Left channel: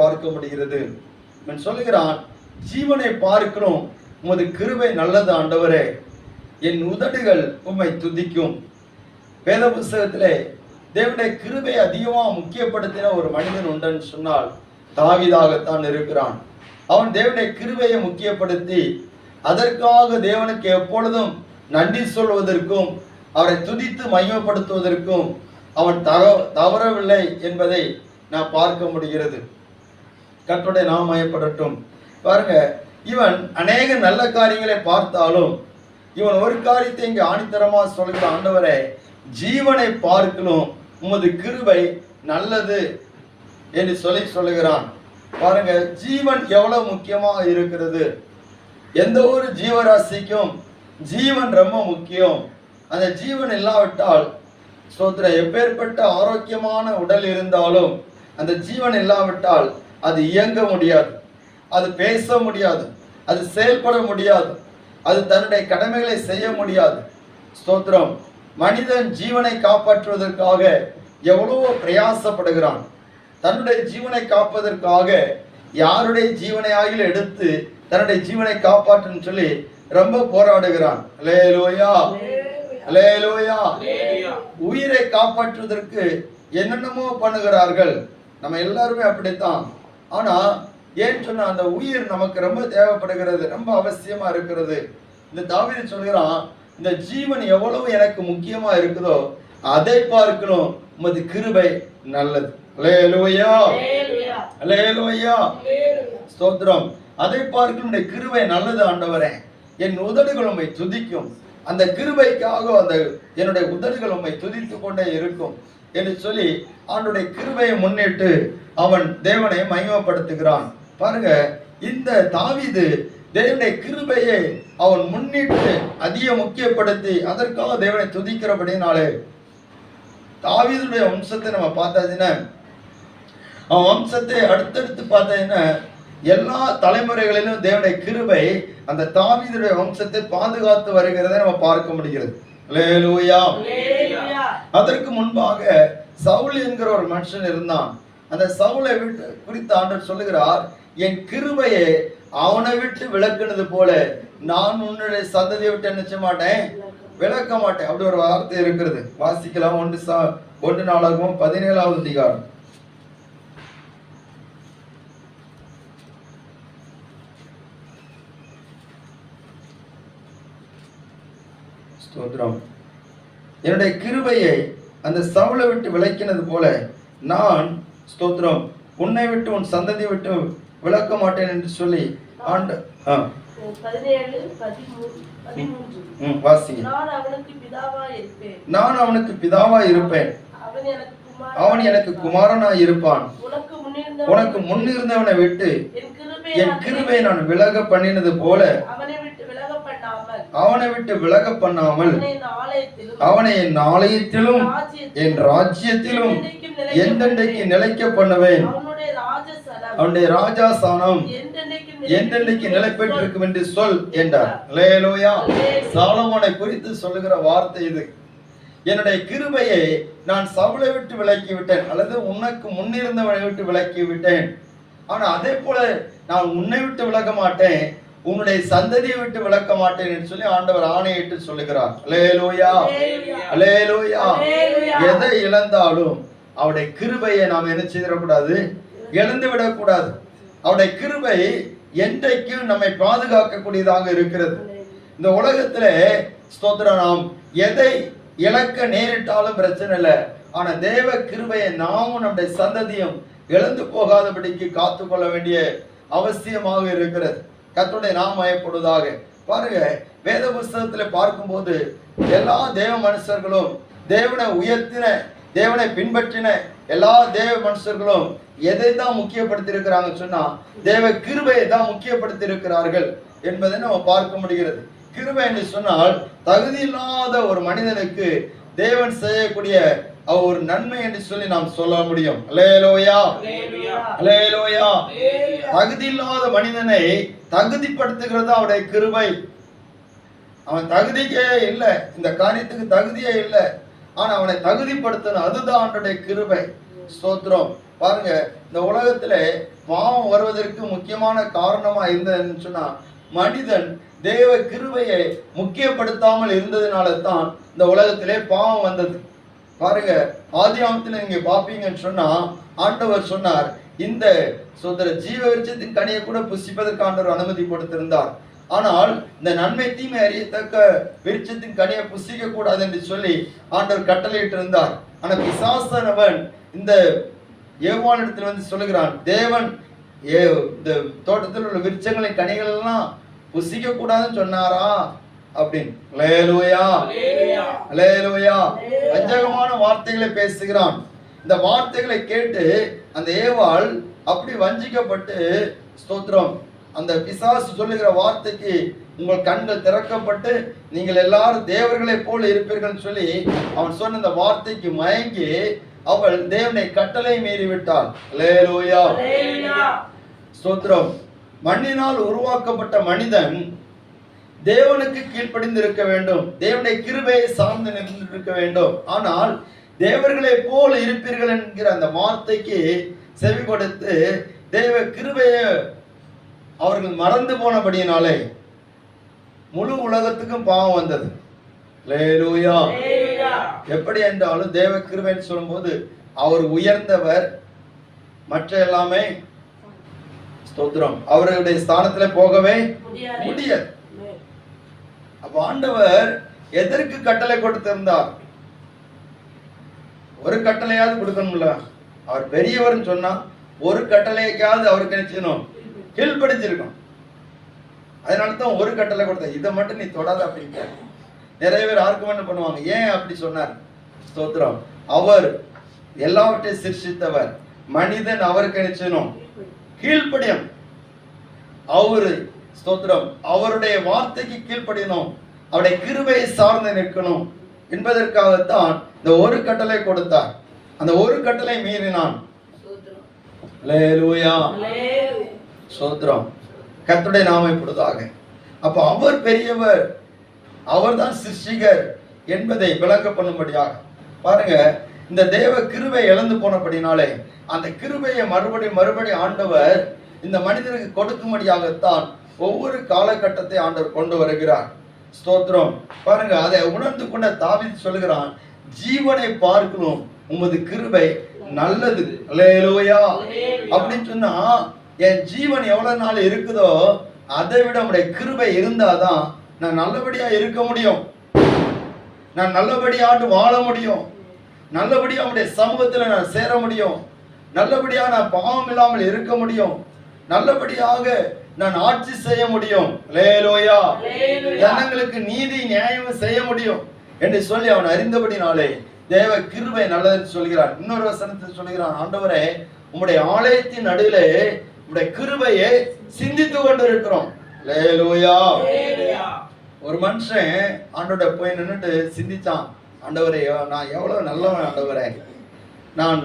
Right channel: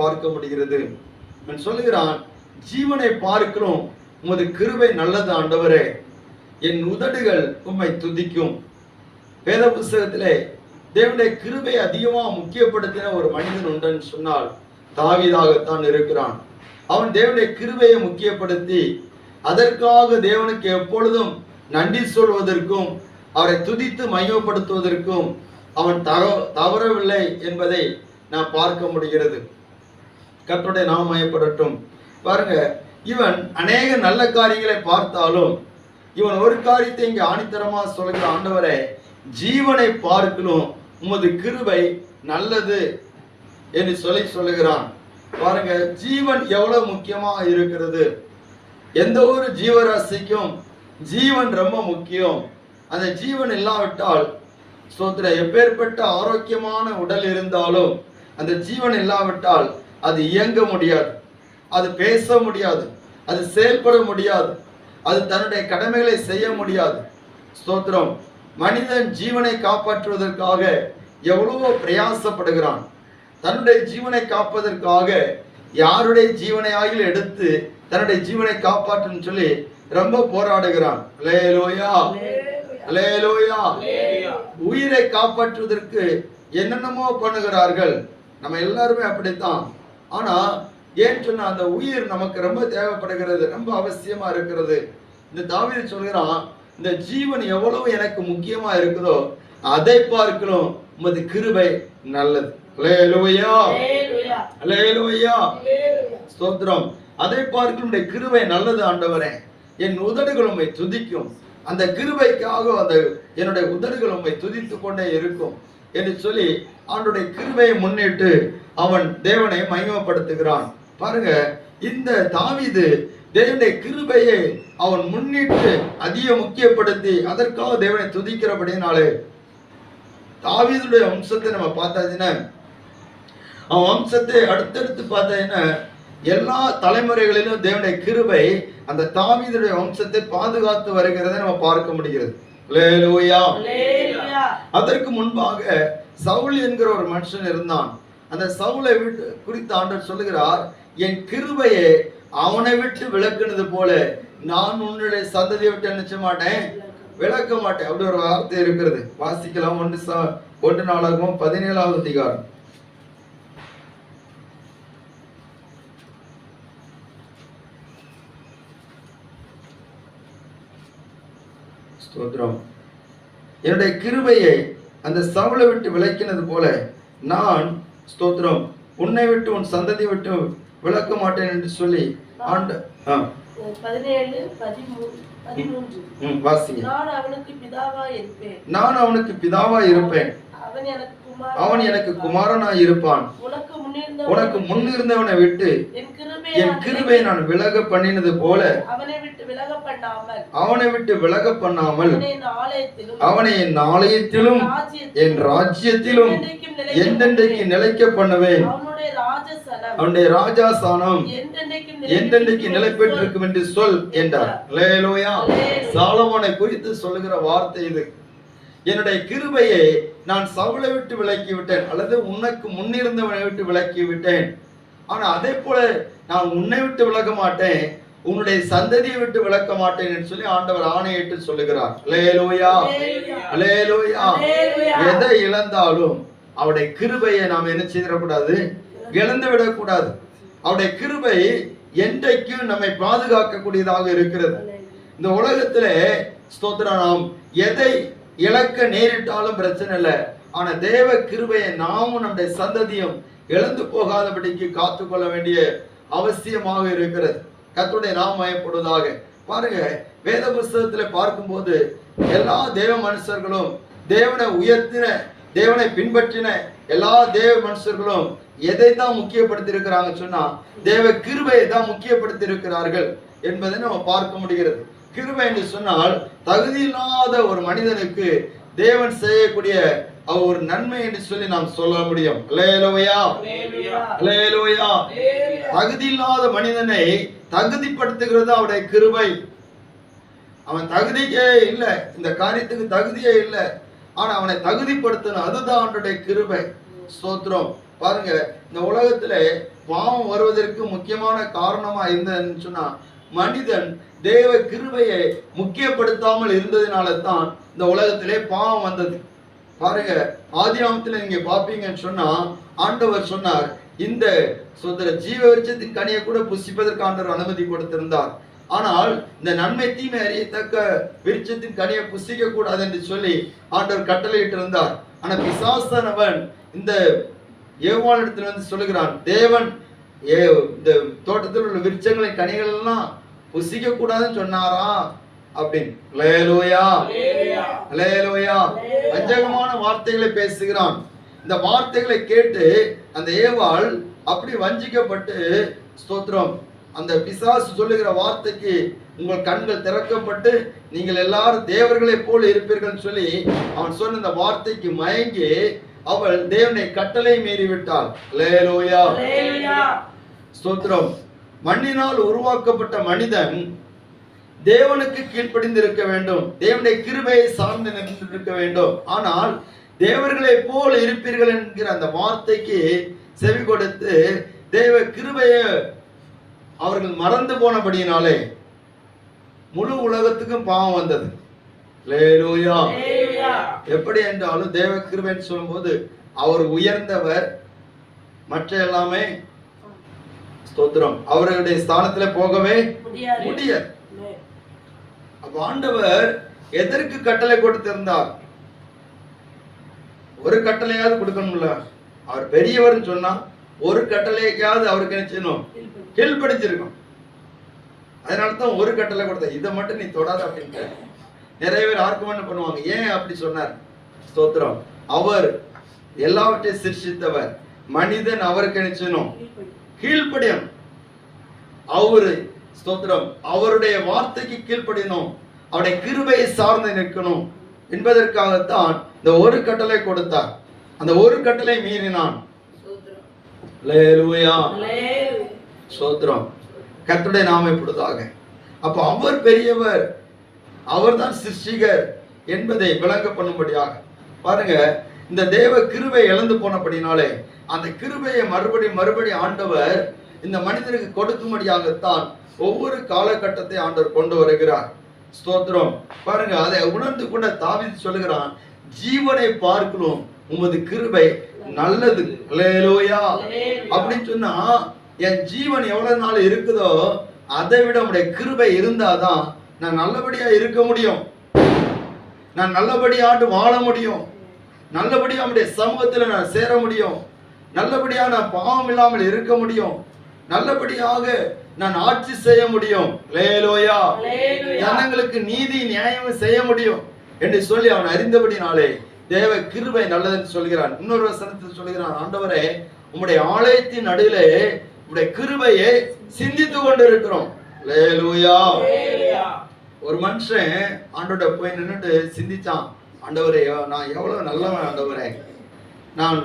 பார்க்க முடிகிறது. சொல்லுகிறான், ஜீவனை பார்க்கிறோம், உமது கிருபை நல்லது ஆண்டவரே, என் உதடுகள் உம்மை துதிக்கும். வேத புஸ்தகத்திலே தேவனுடைய கிருபை அதிகமா முக்கியப்படுத்தின ஒரு மனிதன் உண்டுன்னு சொன்னால் தாவீதாகத்தான் இருக்கிறான். அவன் தேவனுடைய கிருபையை முக்கியப்படுத்தி அதற்காக தேவனுக்கு எப்பொழுதும் நன்றி சொல்வதற்கும் அவரை துதித்து மகிமைப்படுத்துவதற்கும் அவன் தவறவில்லை என்பதை நான் பார்க்க முடிகிறது. கர்த்தருடைய நாமம் மகிமைப்படட்டும். பாருங்க, இவன் அநேக நல்ல காரியங்களை பார்த்தாலும் இவன் ஒரு காரியத்தை இங்கே ஆணித்தரமா சொல்லுகிற, ஆண்டவரே, ஜீவனை பார்க்கணும், உமது கிருபை நல்லது என்று சொல்லுகிறான். பாருங்க, ஜீவன் எவ்வளவு முக்கியமாக இருக்கிறது. எந்த ஒரு ஜீவராசிக்கும் ஜீவன் ரொம்ப முக்கியம். அந்த ஜீவன் இல்லாவிட்டால் ஸ்தோத்திரம், எப்பேற்பட்ட ஆரோக்கியமான உடல் இருந்தாலும் அந்த ஜீவன் இல்லாவிட்டால் அது இயங்க முடியாது, அது பேச முடியாது, அது செயல்பட முடியாது, அது தன்னுடைய கடமைகளை செய்ய முடியாது. ஸ்தோத்திரம், மனிதன் ஜீவனை காப்பாற்றுவதற்காக எவ்வளவோ பிரயாசப்படுகிறான். தன்னுடைய ஜீவனை காப்பதற்காக யாருடைய ஜீவனை ஆகிலும் எடுத்து தன்னுடைய ஜீவனை காப்பாற்றுன்னு சொல்லி ரொம்ப போராடுகிறான். அல்லேலூயா, அல்லேலூயா. உயிரை காப்பாற்றுவதற்கு என்னென்னமோ பண்ணுகிறார்கள். நம்ம எல்லாருமே அப்படித்தான். ஆனா ஏன் சொன்னா, அந்த உயிர் நமக்கு ரொம்ப தேவைப்படுகிறது, ரொம்ப அவசியமா இருக்கிறது. இந்த தாவீது சொல்கிறான், இந்த ஜீவன் எவ்வளவு எனக்கு முக்கியமா இருக்குதோ அதை பார்க்கணும், உமது கிருபை நல்லது. அல்லேலூயா, அல்லேலூயா, ஸ்தோத்திரம். அதை பார்க்கணும், உம்முடைய கிருபை நல்லது ஆண்டவரே, என் உதடுகள் உம்மை துதிக்கும். அந்த கிருபைக்காக அந்த என்னுடைய உதடுகள் உம்மை துதித்து கொண்டே இருக்கும் என்று சொல்லி அவனுடைய கிருபையை முன்னிட்டு அவன் தேவனை மகிமைப்படுத்துகிறான். பாருங்க, இந்த தாவீது தேவனுடைய கிருபையை அவன் முன்னிட்டு அதிக முக்கியப்படுத்தி அதற்காக தேவனை துதிக்கிறபடினாலே தாவீதுடைய வம்சத்தை நம்ம பார்த்தாச்சுன்னா, அவன் வம்சத்தை அடுத்தடுத்து பார்த்தாச்சுன்னா எல்லா தலைமுறைகளிலும் தேவனுடைய கிருபை அந்த தாவீதுடைய வம்சத்தை பாதுகாத்து வருகிறதை நம்ம பார்க்க முடிகிறது. அல்லேலூயா. அதற்கு முன்பாக சவுல் என்கிற ஒரு மனுஷன் இருந்தான். அந்த சவுலை விட்டு குறித்து ஆண்டவர் சொல்லுகிறார், என் கிருபையை அவனை விட்டு விலக்குனது போல நான் உன்னுடைய சந்ததியை விட்டு நினைச்ச மாட்டேன், விளக்க மாட்டேன். அப்படி ஒரு வார்த்தை இருக்கிறது. வாசிக்கலாம். 1 நாளாகவும் 17வது அதிகாரம். ஸ்தோத்திரம். என்னுடைய கிருபையை அந்த சவுலை விட்டு விலக்கினது போல நான், ஸ்தோத்திரம், உன்னை விட்டு உன் சந்ததி விட்டு விலக்க மாட்டேன் என்று சொல்லி ஆண்டு 17:13 வாசிங்க. நான் அவனுக்கு பிதாவாய் இருப்பேன், அவன் எனக்கு குமாரனாய் இருப்பான். உனக்கு முன்னிருந்தவனை விட்டு என் கிருபையை நான் விலக பண்ணினது போல அவனை விட்டு விலக பண்ணாமல் அவனை என் ஆலயத்திலும் என் ராஜ்யத்திலும் என்றென்றைக்கு நிலைக்க பண்ணுவேன். அவனுடைய ராஜாசானம் என்றென்றைக்கு நிலை பெற்றிருக்கும் என்று சொல் என்றார். அல்லேலூயா. சாலமோனை குறித்து சொல்லுகிற வார்த்தை இது. என்னுடைய கிருபையை நான் சவுலை விட்டு விலக்கி விட்டேன், அல்லது உனக்கு முன்னிருந்தவனை விட்டு விலக்கி விட்டேன். ஆனா அதே போல நான் உன்னை விட்டு விலக மாட்டேன், உன்னுடைய சந்ததியை விட்டு விலக்க மாட்டேன் என்று சொல்லி ஆண்டவர் ஆணையிட்டு சொல்லுகிறார். அல்லேலூயா, அல்லேலூயா. எதை இழந்தாலும் அவருடைய கிருபையை நாம் என்ன செய்திடக்கூடாது, இழந்து விடக்கூடாது. அவருடைய கிருபை என்றைக்கும் நம்மை பாதுகாக்கக்கூடியதாக இருக்கிறது. இந்த உலகத்துல ஸ்தோத்திரம், நாம் எதை இழக்க நேரிட்டாலும் பிரச்சனை இல்லை. ஆனா தேவ கிருபையை நாமும் நம்முடைய சந்ததியும் இழந்து போகாதபடிக்கு காத்துக்கொள்ள வேண்டிய அவசியமாக இருக்கிறது. கர்த்தருடைய நாமம் மகிமைப்படுவதாக. பாருங்க, வேத புஸ்தகத்துல பார்க்கும்போது எல்லா தேவ மனுஷர்களும், தேவனை உயர்த்தின, தேவனை பின்பற்றின எல்லா தேவ மனுஷர்களும் எதை தான் முக்கியப்படுத்தி இருக்கிறாங்க சொன்னா, தேவ கிருபையை தான் முக்கியப்படுத்தி இருக்கிறார்கள் என்பதை நம்ம பார்க்க முடிகிறது. கிருபை என்று சொன்னால் தகுதி இல்லாத ஒரு மனிதனுக்கு தேவன் செய்யக்கூடிய ஒரு நன்மை என்று சொல்லி நாம் சொல்ல முடியும். அல்லேலூயா, அல்லேலூயா. தகுதி இல்லாத மனிதனை தகுதிப்படுத்துகிறது அவருடைய கிருபை. அவன் தகுதியே இல்லை, இந்த காரியத்துக்கு தகுதியே இல்லை, ஆனா அவனை தகுதிப்படுத்தணும், அதுதான் அவனுடைய கிருபை. ஸ்தோத்திரம். பாருங்க, இந்த உலகத்துல பாவம் வருவதற்கு முக்கியமான காரணமா இருந்ததுன்னு சொன்னா, மனிதன் தேவ கிருபையை முக்கியப்படுத்தாமல் இருந்ததுனால தான் இந்த உலகத்திலே பாவம் வந்தது. பாருங்க, ஆதியாமத்துல நீங்க பாப்பீங்கன்னு சொன்னா, ஆண்டவர் சொன்னார், இந்த ஜீவ விருட்சத்தின் கனியை கூட புசிப்பதற்கு ஆண்டவர் அனுமதி கொடுத்திருந்தார். ஆனால் இந்த நன்மை தீமை அறியத்தக்க விருட்சத்தின் கனியை புசிக்க கூடாது என்று சொல்லி ஆண்டவர் கட்டளையிட்டு இருந்தார். ஆனா பிசாசானவன் இந்த ஏவாளிடத்தில் வந்து சொல்லுகிறான், தேவன் இந்த தோட்டத்தில் உள்ள விருட்சங்களின் கனிகள் எல்லாம் புசிக்க கூடாதுன்னு சொன்னாரா அப்படின்னு. அல்லேலூயா, அல்லேலூயா. வஞ்சகமான வார்த்தைகளை பேசுகிறான். இந்த வார்த்தைகளை கேட்டு அந்த ஏவாள் அப்படி வஞ்சிக்கப்பட்டு, ஸ்தோத்திரம், அந்த பிசாசு சொல்லுகிற வார்த்தைக்கு உங்கள் கண்கள் திறக்கப்பட்டு நீங்கள் எல்லாரும் தேவர்களை போல இருப்பீர்கள் சொல்லி அவன் சொன்ன அந்த வார்த்தைக்கு மயங்கி அவள் தேவனை கட்டளை மீறி விட்டாள். அல்லேலூயா, ஸ்தோத்திரம். மண்ணினால் உருவாக்கப்பட்ட மனிதன் தேவனுக்கு கீழ்ப்படிந்து இருக்க வேண்டும், தேவனுடைய கிருபையை சார்ந்து இருக்க வேண்டும். ஆனால் தேவர்களை போல இருப்பீர்கள் என்கிற அந்த வார்த்தைக்கு செவி கொடுத்து தேவ கிருபையை அவர்கள் மறந்து போனபடியினாலே முழு உலகத்துக்கும் பாவம் வந்தது. அல்லேலூயா. எப்படி என்றாலும் தேவ கிருபைன்னு சொல்லும்போது அவர் உயர்ந்தவர், மற்ற எல்லாமே ஸ்தோத்திரம் அவருடைய ஸ்தானத்துல போகவே முடியாது. அப்ப ஆண்டவர் எதற்கு கட்டளை கொடுத்திருந்தார்? ஒரு கட்டளையாவது கொடுக்கணும்ல. அவர் பெரியவர் சொன்னா ஒரு கட்டளையாவது அவருக்கு நினைச்சணும் கீழ்படிச்சிருக்கும். அதனாலதான் ஒரு கட்டளை கொடுத்த, இதை மட்டும் நீ தொடாத அப்படின்ட்டு. நிறைய பேர் ஆர்குமெண்ட் பண்ணுவாங்க, ஏன் அப்படி சொன்னார்? ஸ்தோத்திரம், அவர் எல்லாவற்றையும் சிருஷ்டித்தவர், மனிதன் அவருக்கு நினைச்சணும் கீழ்ப்படியும். அவரு ஸ்தோத்திரம் அவருடைய வார்த்தைக்கு கீழ்ப்படியணும், அவருடைய கிருபையை சார்ந்து நிற்கணும் என்பதற்காகத்தான் இந்த ஒரு கட்டளை கொடுத்தார். அந்த ஒரு கட்டளை மீறினான். அல்லேலூயா, ஸ்தோத்திரம், கர்த்தருடைய நாமம் இப்படிதாக. அப்ப அவர் பெரியவர், அவர்தான் சிருஷ்டிகர் என்பதை விளங்க பண்ணும்படியாக பாருங்க, இந்த தேவ கிருபை இழந்து போனபடினாலே அந்த கிருபையை மறுபடி ஆண்டவர் இந்த மனிதனுக்கு கொடுக்கும்படியாகத்தான் ஒவ்வொரு காலகட்டத்தை ஆண்டவர் கொண்டு வருகிறார். ஸ்தோத்திரம். பாருங்க, அதை உணர்ந்து கொண்ட தாவீது சொல்லுகிறான், ஜீவனை பார்க்கணும் உமது கிருபை நல்லது. அல்லேலூயா. அப்படின்னு சொன்னா என் ஜீவன் எவ்வளவு நாள் இருக்குதோ அதை விட உடைய கிருபை இருந்தாதான் நான் நல்லபடியா இருக்க முடியும், நான் நல்லபடியாண்டு வாழ முடியும், நல்லபடியா உடைய சமூகத்துல நான் சேர முடியும், நல்லபடியா நான் பாவம் இல்லாமல் இருக்க முடியும், நல்லபடியாக நான் ஆட்சி செய்ய முடியும். அல்லேலூயா. ஜனங்களுக்கு நீதி நியாயம் செய்ய முடியும் என்று சொல்லி அவன் அறிந்தபடினாலே தேவ கிருபை நல்லதுன்னு சொல்கிறான். இன்னொரு வசனத்தில் சொல்கிறான், ஆண்டவரே உம்முடைய ஆலயத்தின் நடுவிலே உம்முடைய கிருபையை சிந்தித்து கொண்டு இருக்கிறோம். அல்லேலூயா. ஒரு மனுஷன் ஆண்டோட போய் நின்னுட்டு சிந்திச்சான், ஆண்டவரே நான் எவ்வளவு நல்லவன், ஆண்டவரே நான்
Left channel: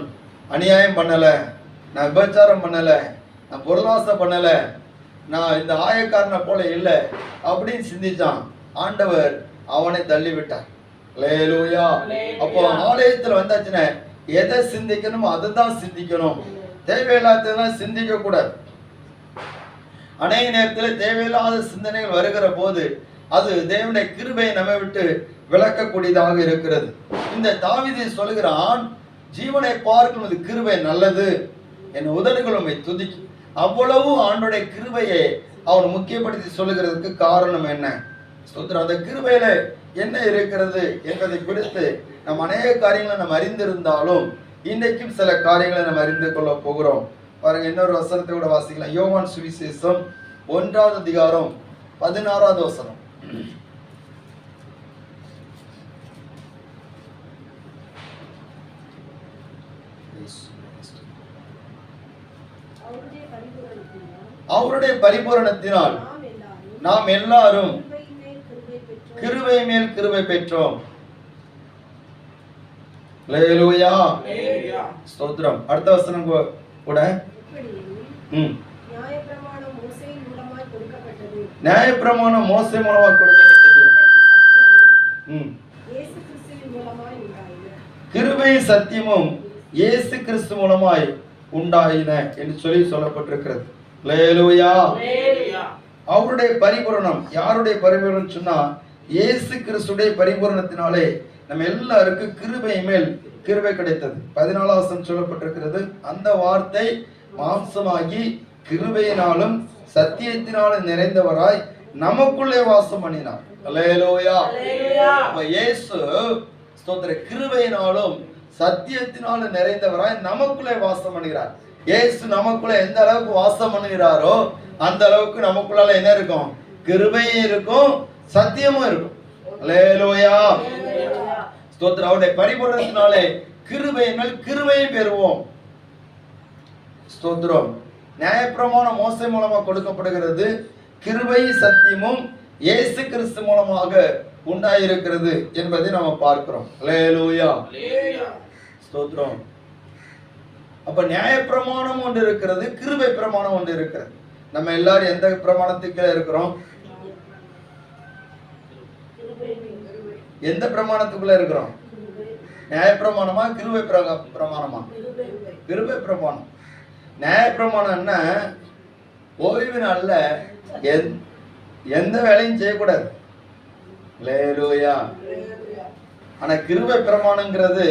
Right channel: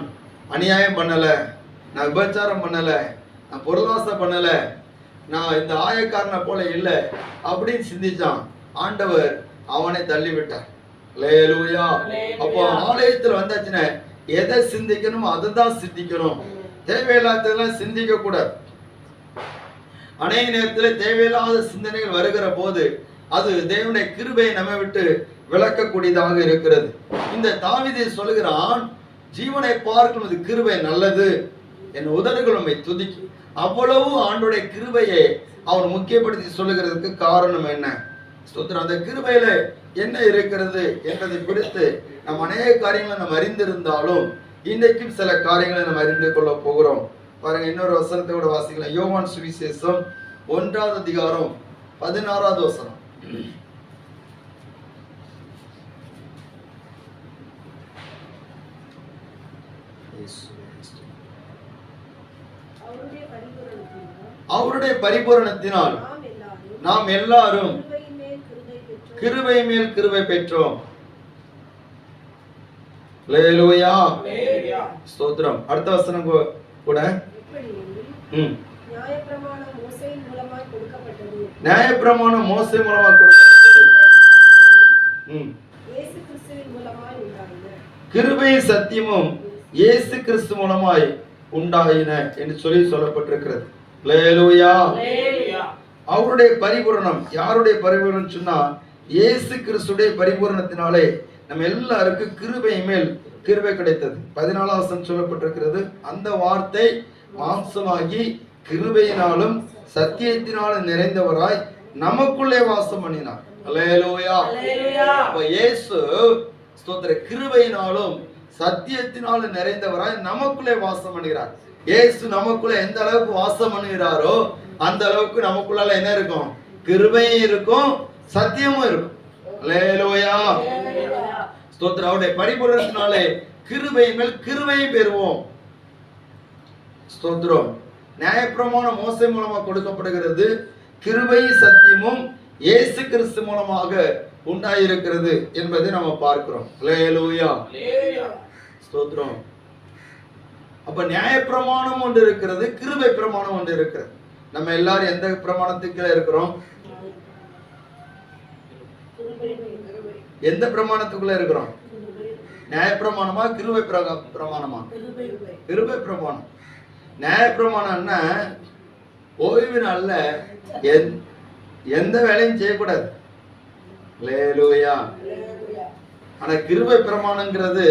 அநியாயம் பண்ணல, நான் விபச்சாரம் பண்ணல, நான் பொருளாசை பண்ணல, நான் இந்த ஆயக்காரனை போல இல்லை அப்படின்னு சிந்திச்சான். ஆண்டவர் அவனை தள்ளி விட்டார். அல்லேலூயா. அப்போ ஆலயத்துல வந்தாச்சுன்னா எதை சிந்திக்கணுமோ அதை தான் சிந்திக்கணும், தேவையில்லாததெல்லாம் சிந்திக்க கூடாது. அநேக நேரத்தில் தேவையில்லாத சிந்தனைகள் வருகிற போது அது தேவனுடைய கிருபையை நம்ம விட்டு விளக்கக்கூடியதாக இருக்கிறது. இந்த தாவீது சொல்லுகிறான், ஜீவனை பார்க்கும் கிருபை நல்லது, என் உதடுகள் உம்மை துதிக்கும். அவ்வளவு ஆண்டோடைய கிருபையை அவர் முக்கியப்படுத்தி சொல்லுகிறதுக்கு காரணம் என்ன? ஸ்தோத்திரம். அந்த கிருபையில என்ன இருக்கிறது என்பதை குறித்து நம்ம அநேக காரியங்களை நம்ம அறிந்திருந்தாலும் இன்றைக்கும் சில காரியங்களை நம்ம அறிந்து கொள்ள போகிறோம். பாருங்க, இன்னொரு வசனத்தை கூட வாசிக்கலாம். யோவான் சுவிசேஷம் 1வது அதிகாரம் 16வது வசனம். அவருடைய பரிபூரணத்தினால் நாம் எல்லாரும் கிருபை மேல் கிருபை பெற்றோம். அல்லேலூயா. ஸ்தோத்திரம். அடுத்த வசனம் கூட நியாயப்பிரமாணம் மோசே மூலமாக கொடுக்கப்பட்டது. கிருபை சத்தியமும் இயேசு கிறிஸ்து மூலமாய் உண்டாயின என்று சொல்லப்பட்டிருக்கிறது. அல்லேலூயா. அவருடைய பரிபூரணம், யாருடைய பரிபூரணம் சொன்னா இயேசு கிறிஸ்துடைய பரிபூரணத்தினாலே நம்ம எல்லாருக்கும் கிருபை மேல் கிருபை கிடைத்தது. 14ஆம் வசனம் சொல்லப்பட்டிருக்கிறது, அந்த வார்த்தை மாம்சமாகி கிருபையினாலும் சத்தியத்தினாலும் நிறைந்தவராய் நமக்குள்ளே வாசம் பண்ணினார். அல்லேலூயா. அப்ப இயேசு ஸ்தோத்திர கிருபையினாலும் சத்தியத்தினாலும் நிறைந்தவராய் நமக்குள்ளே வாசம் பண்ணுகிறார். இயேசு நமக்குள்ள எந்த அளவுக்கு வாசம் பண்ணுகிறாரோ அந்த அளவுக்கு நமக்குள்ள என்ன இருக்கும்? கிருபையும் இருக்கும், சத்தியமும் இருக்கும். அல்லேலூயா. ஸ்தோத்திரம். அவருடைய பரிபூரணத்தினாலே கிருபைகள் கிருபையை பெறுவோம். ஸ்தோத்திரம். நியாயப்பிரமாணம் மோசே மூலமாக கொடுக்கப்படுகிறது. கிருபை சத்தியமும் இயேசு கிறிஸ்து மூலமாக உண்டாயிருக்கிறது என்பதை நம்ம பார்க்கிறோம். அல்லேலூயா. ஸ்தோத்திரம். அப்ப நியாயப்பிரமாணம் ஒன்று இருக்கிறது, கிருபை பிரமாணம் ஒன்று இருக்கிறது. நம்ம எல்லாரும் எந்த பிரமாணத்துக்கு இருக்கிறோம்? எந்த பிரமாணத்துக்குள்ள இருக்கிறோம்? நியாயப்பிரமாணமா கிருபை பிரமாணமா? கிருபை பிரமாணம். நியாயப்பிரமாணம் என்ன? ஓய்வு நாள்ல எந்த வேலையும் செய்யக்கூடாது. அல்லேலூயா. ஆனா கிருபை பிரமாணங்கிறது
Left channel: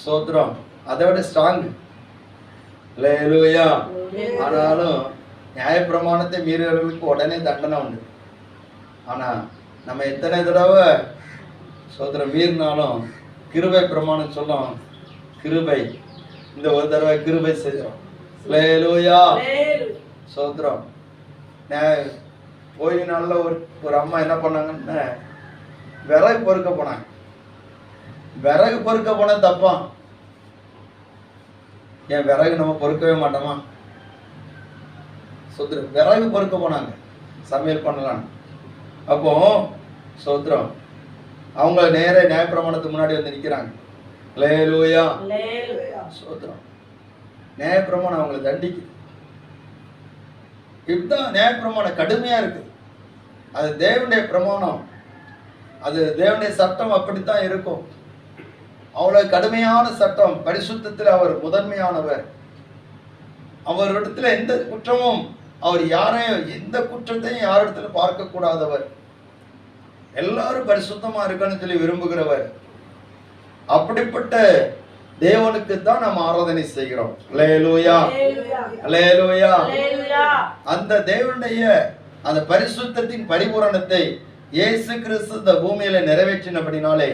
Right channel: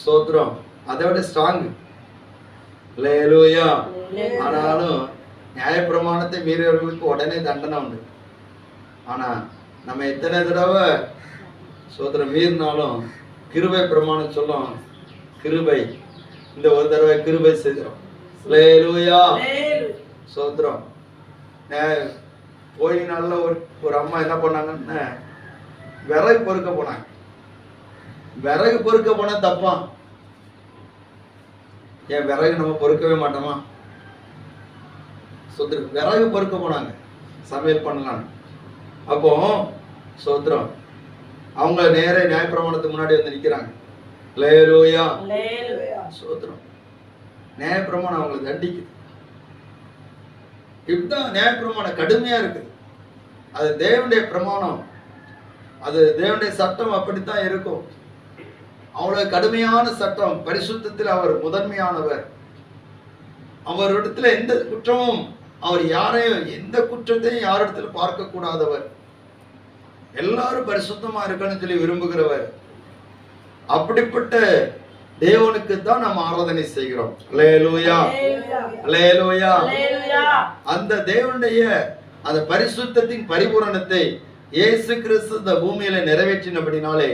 ஸ்தோத்திரம் அதை விட ஸ்ட்ராங். அல்லேலூயா. ஆனாலும் நியாயப்பிரமாணத்தை மீறியவர்களுக்கு உடனே தண்டனை உண்டு. ஆனா நம்ம எத்தனை தடவை ஸ்தோத்திரம் மீறினாலும் கிருபை பிரமாணம் சொல்லும், கிருபை இந்த ஒரு தடவை கிருபை செய்கிறோம். அல்லேலூயா. ஸ்தோத்திரம். போய் நல்ல ஒரு அம்மா என்ன பண்ணாங்கன்னு விறகு பொறுக்க போனாங்க. விறகு பொறுக்க போன தப்பா? ஏன் விறகு நம்ம பொறுக்கவே மாட்டோமா? ஸ்தோத்திரம். விறகு பொறுக்க போனாங்க சமையல் பண்ணலாம். அப்போ ஸ்தோத்திரம் அவங்க நேர நியாயப்பிரமாணத்துக்கு முன்னாடி வந்து நிக்கிறாங்க. அல்லேலூயா. ஸ்தோத்திரம். நியாயப்பிரமாணம் அவங்களை தண்டிக்குது. இதுதான் நியாயப்பிரமாணம் கடுமையா இருக்குது. அது தேவனுடைய பிரமாணம், அது தேவனுடைய சட்டம் அப்படித்தான் இருக்கும். அவ்வளவு கடுமையான சட்டம். பரிசுத்தத்தில் அவர் முதன்மையானவர். அவரிடத்துல எந்த குற்றமும், அவர் யாரையும் எந்த குற்றத்தையும் யாரிடத்துல பார்க்க கூடாதவர். எல்லாரும் பரிசுத்தமா இருக்கன்னு சொல்லி விரும்புகிறவர். அப்படிப்பட்ட தேவனுக்கு தான் நம்ம ஆராதனை செய்கிறோம். அல்லேலூயா. அல்லேலூயா. அந்த தேவனுடைய அந்த பரிசுத்தத்தின் பரிபூரணத்தை இயேசு கிறிஸ்து இந்த பூமியில நிறைவேற்றினபடினாலே